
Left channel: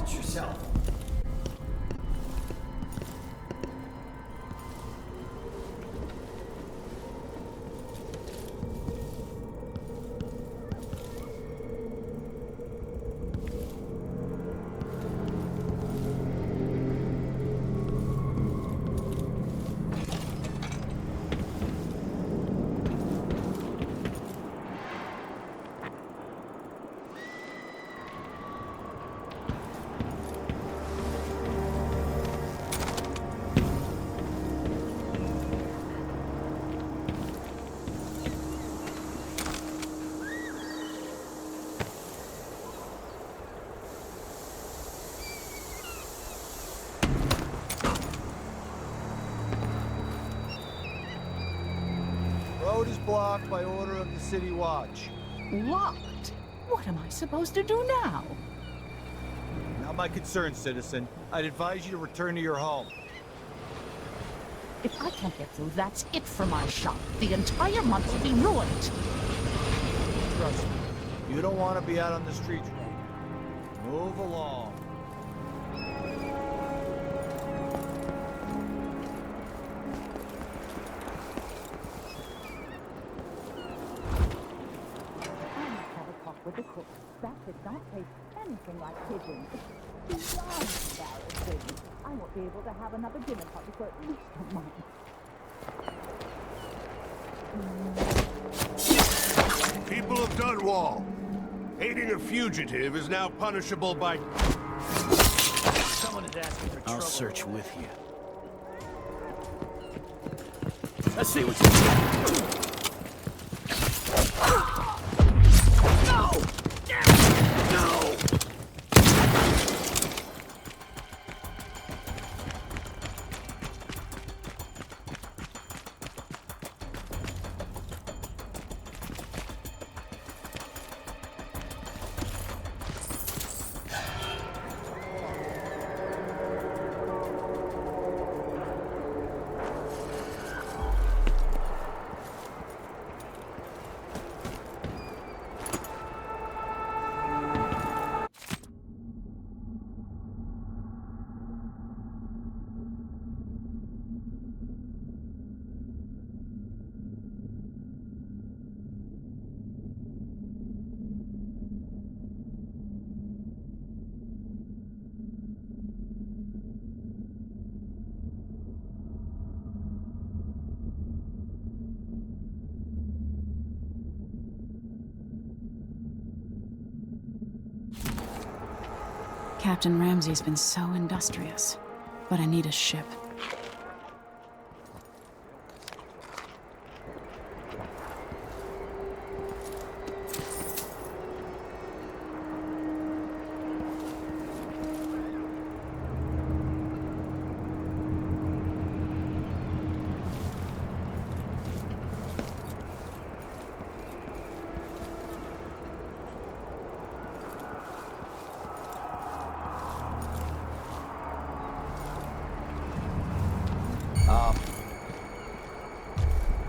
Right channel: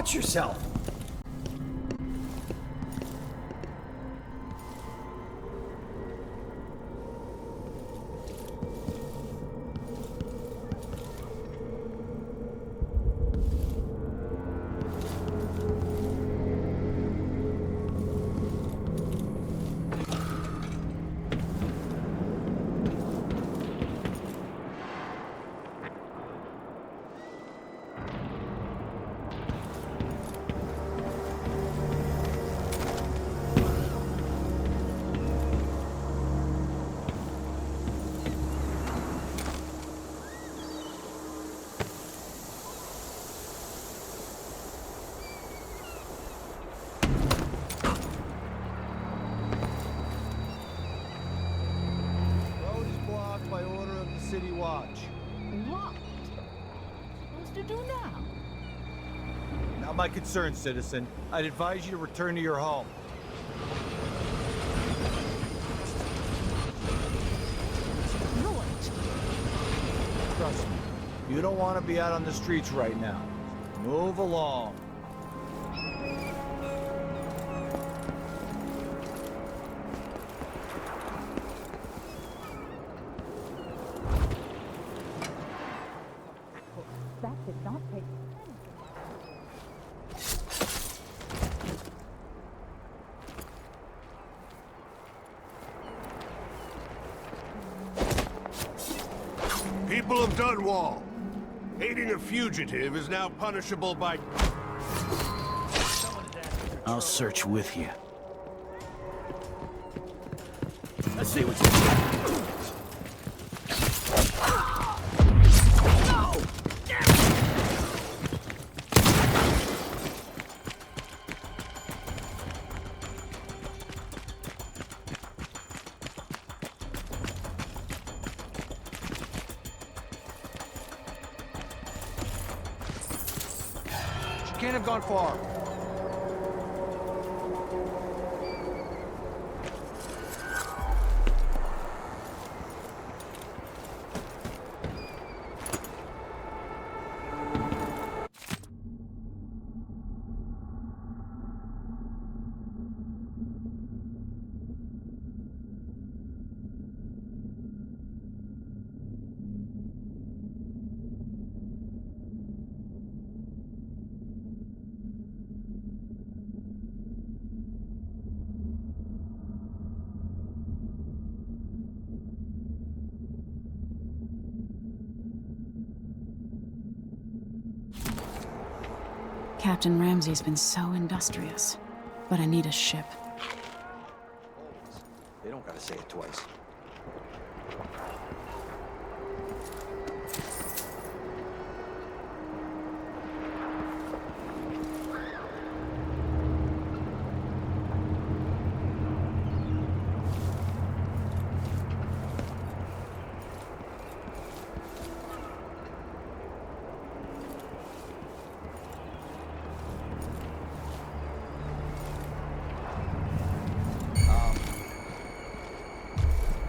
Watch yourself! Blocked by order of the City Watch. Locked? What am I supposed to do now? Not my concern, citizen. I'd advise you to return to your home. If I can't get through, that's it for my shop. The entire month will be ruined. Trust me, you don't want to be out on the streets right now. Move along. That did not taste anything like pigeon. I won't be able to have another dinner party for at least a month. People of Dunwall, aiding a fugitive is now punishable by... Someone is asking for I'll search with you. Let's see what you got. Can't have gone far. Captain Ramsey's been so industrious, but I need a ship. They don't gotta say it twice.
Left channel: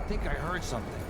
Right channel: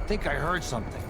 I think I heard something.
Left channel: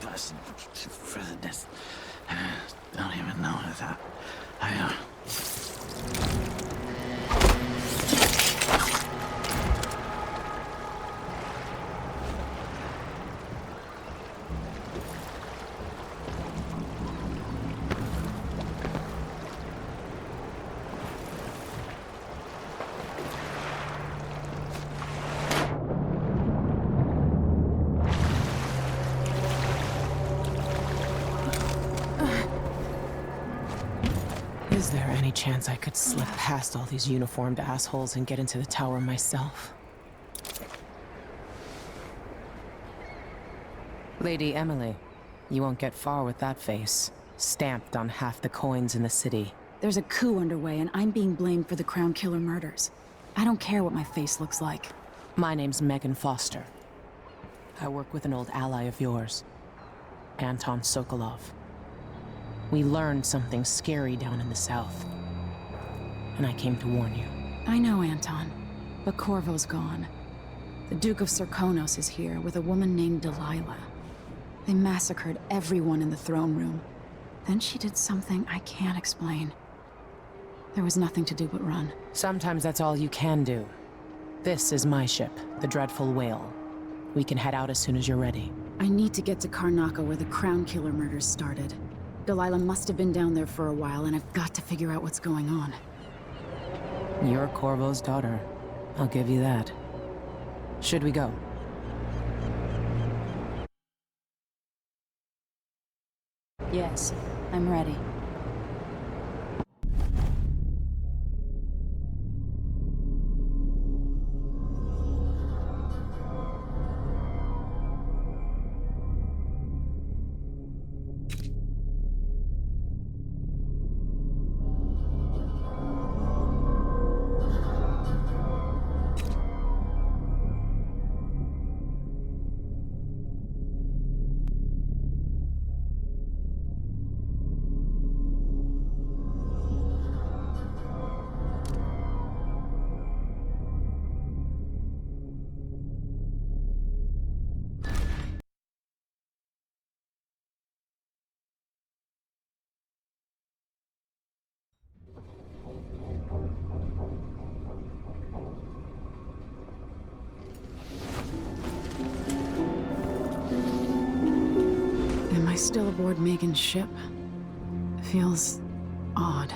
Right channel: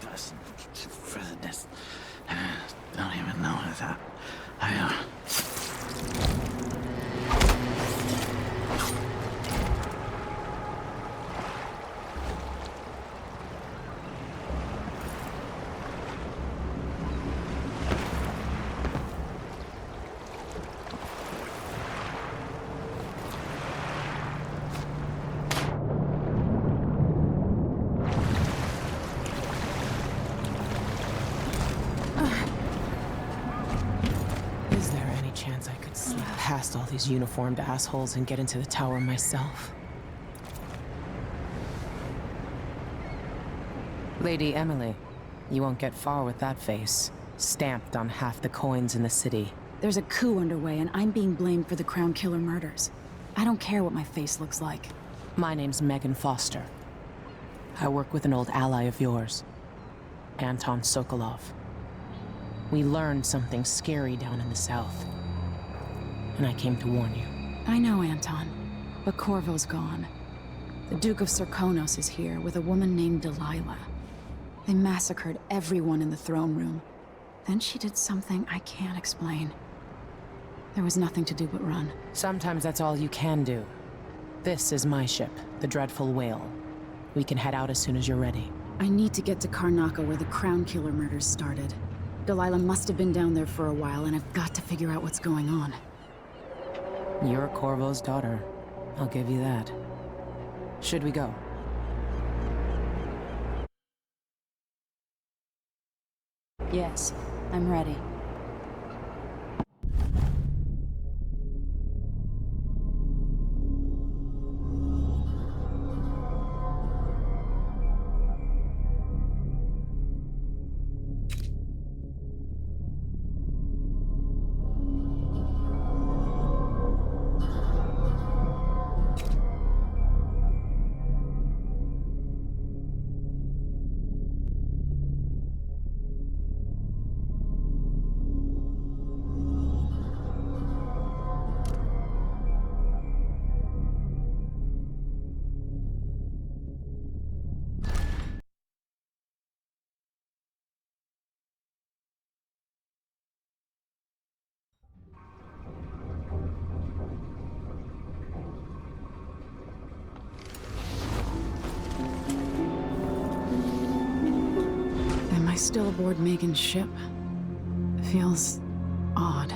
person for this. Don't even know that. Is there any chance I could slip past all these uniformed assholes and get into the tower myself? Lady Emily, you won't get far with that face. Stamped on half the coins in the city. There's a coup underway, and I'm being blamed for the Crown Killer murders. I don't care what my face looks like. My name's Megan Foster. I work with an old ally of yours, Anton Sokolov. We learned something scary down in the south, and I came to warn you. I know, Anton, but Corvo's gone. The Duke of Serkonos is here with a woman named Delilah. They massacred everyone in the throne room. Then she did something I can't explain. There was nothing to do but run. Sometimes that's all you can do. This is my ship, the Dreadful Whale. We can head out as soon as you're ready. I need to get to Karnaca where the Crown Killer murders started. Delilah must have been down there for a while, and I've got to figure out what's going on. You're Corvo's daughter. I'll give you that. Should we go? Yes, I'm ready. Am I still aboard Megan's ship? Feels odd.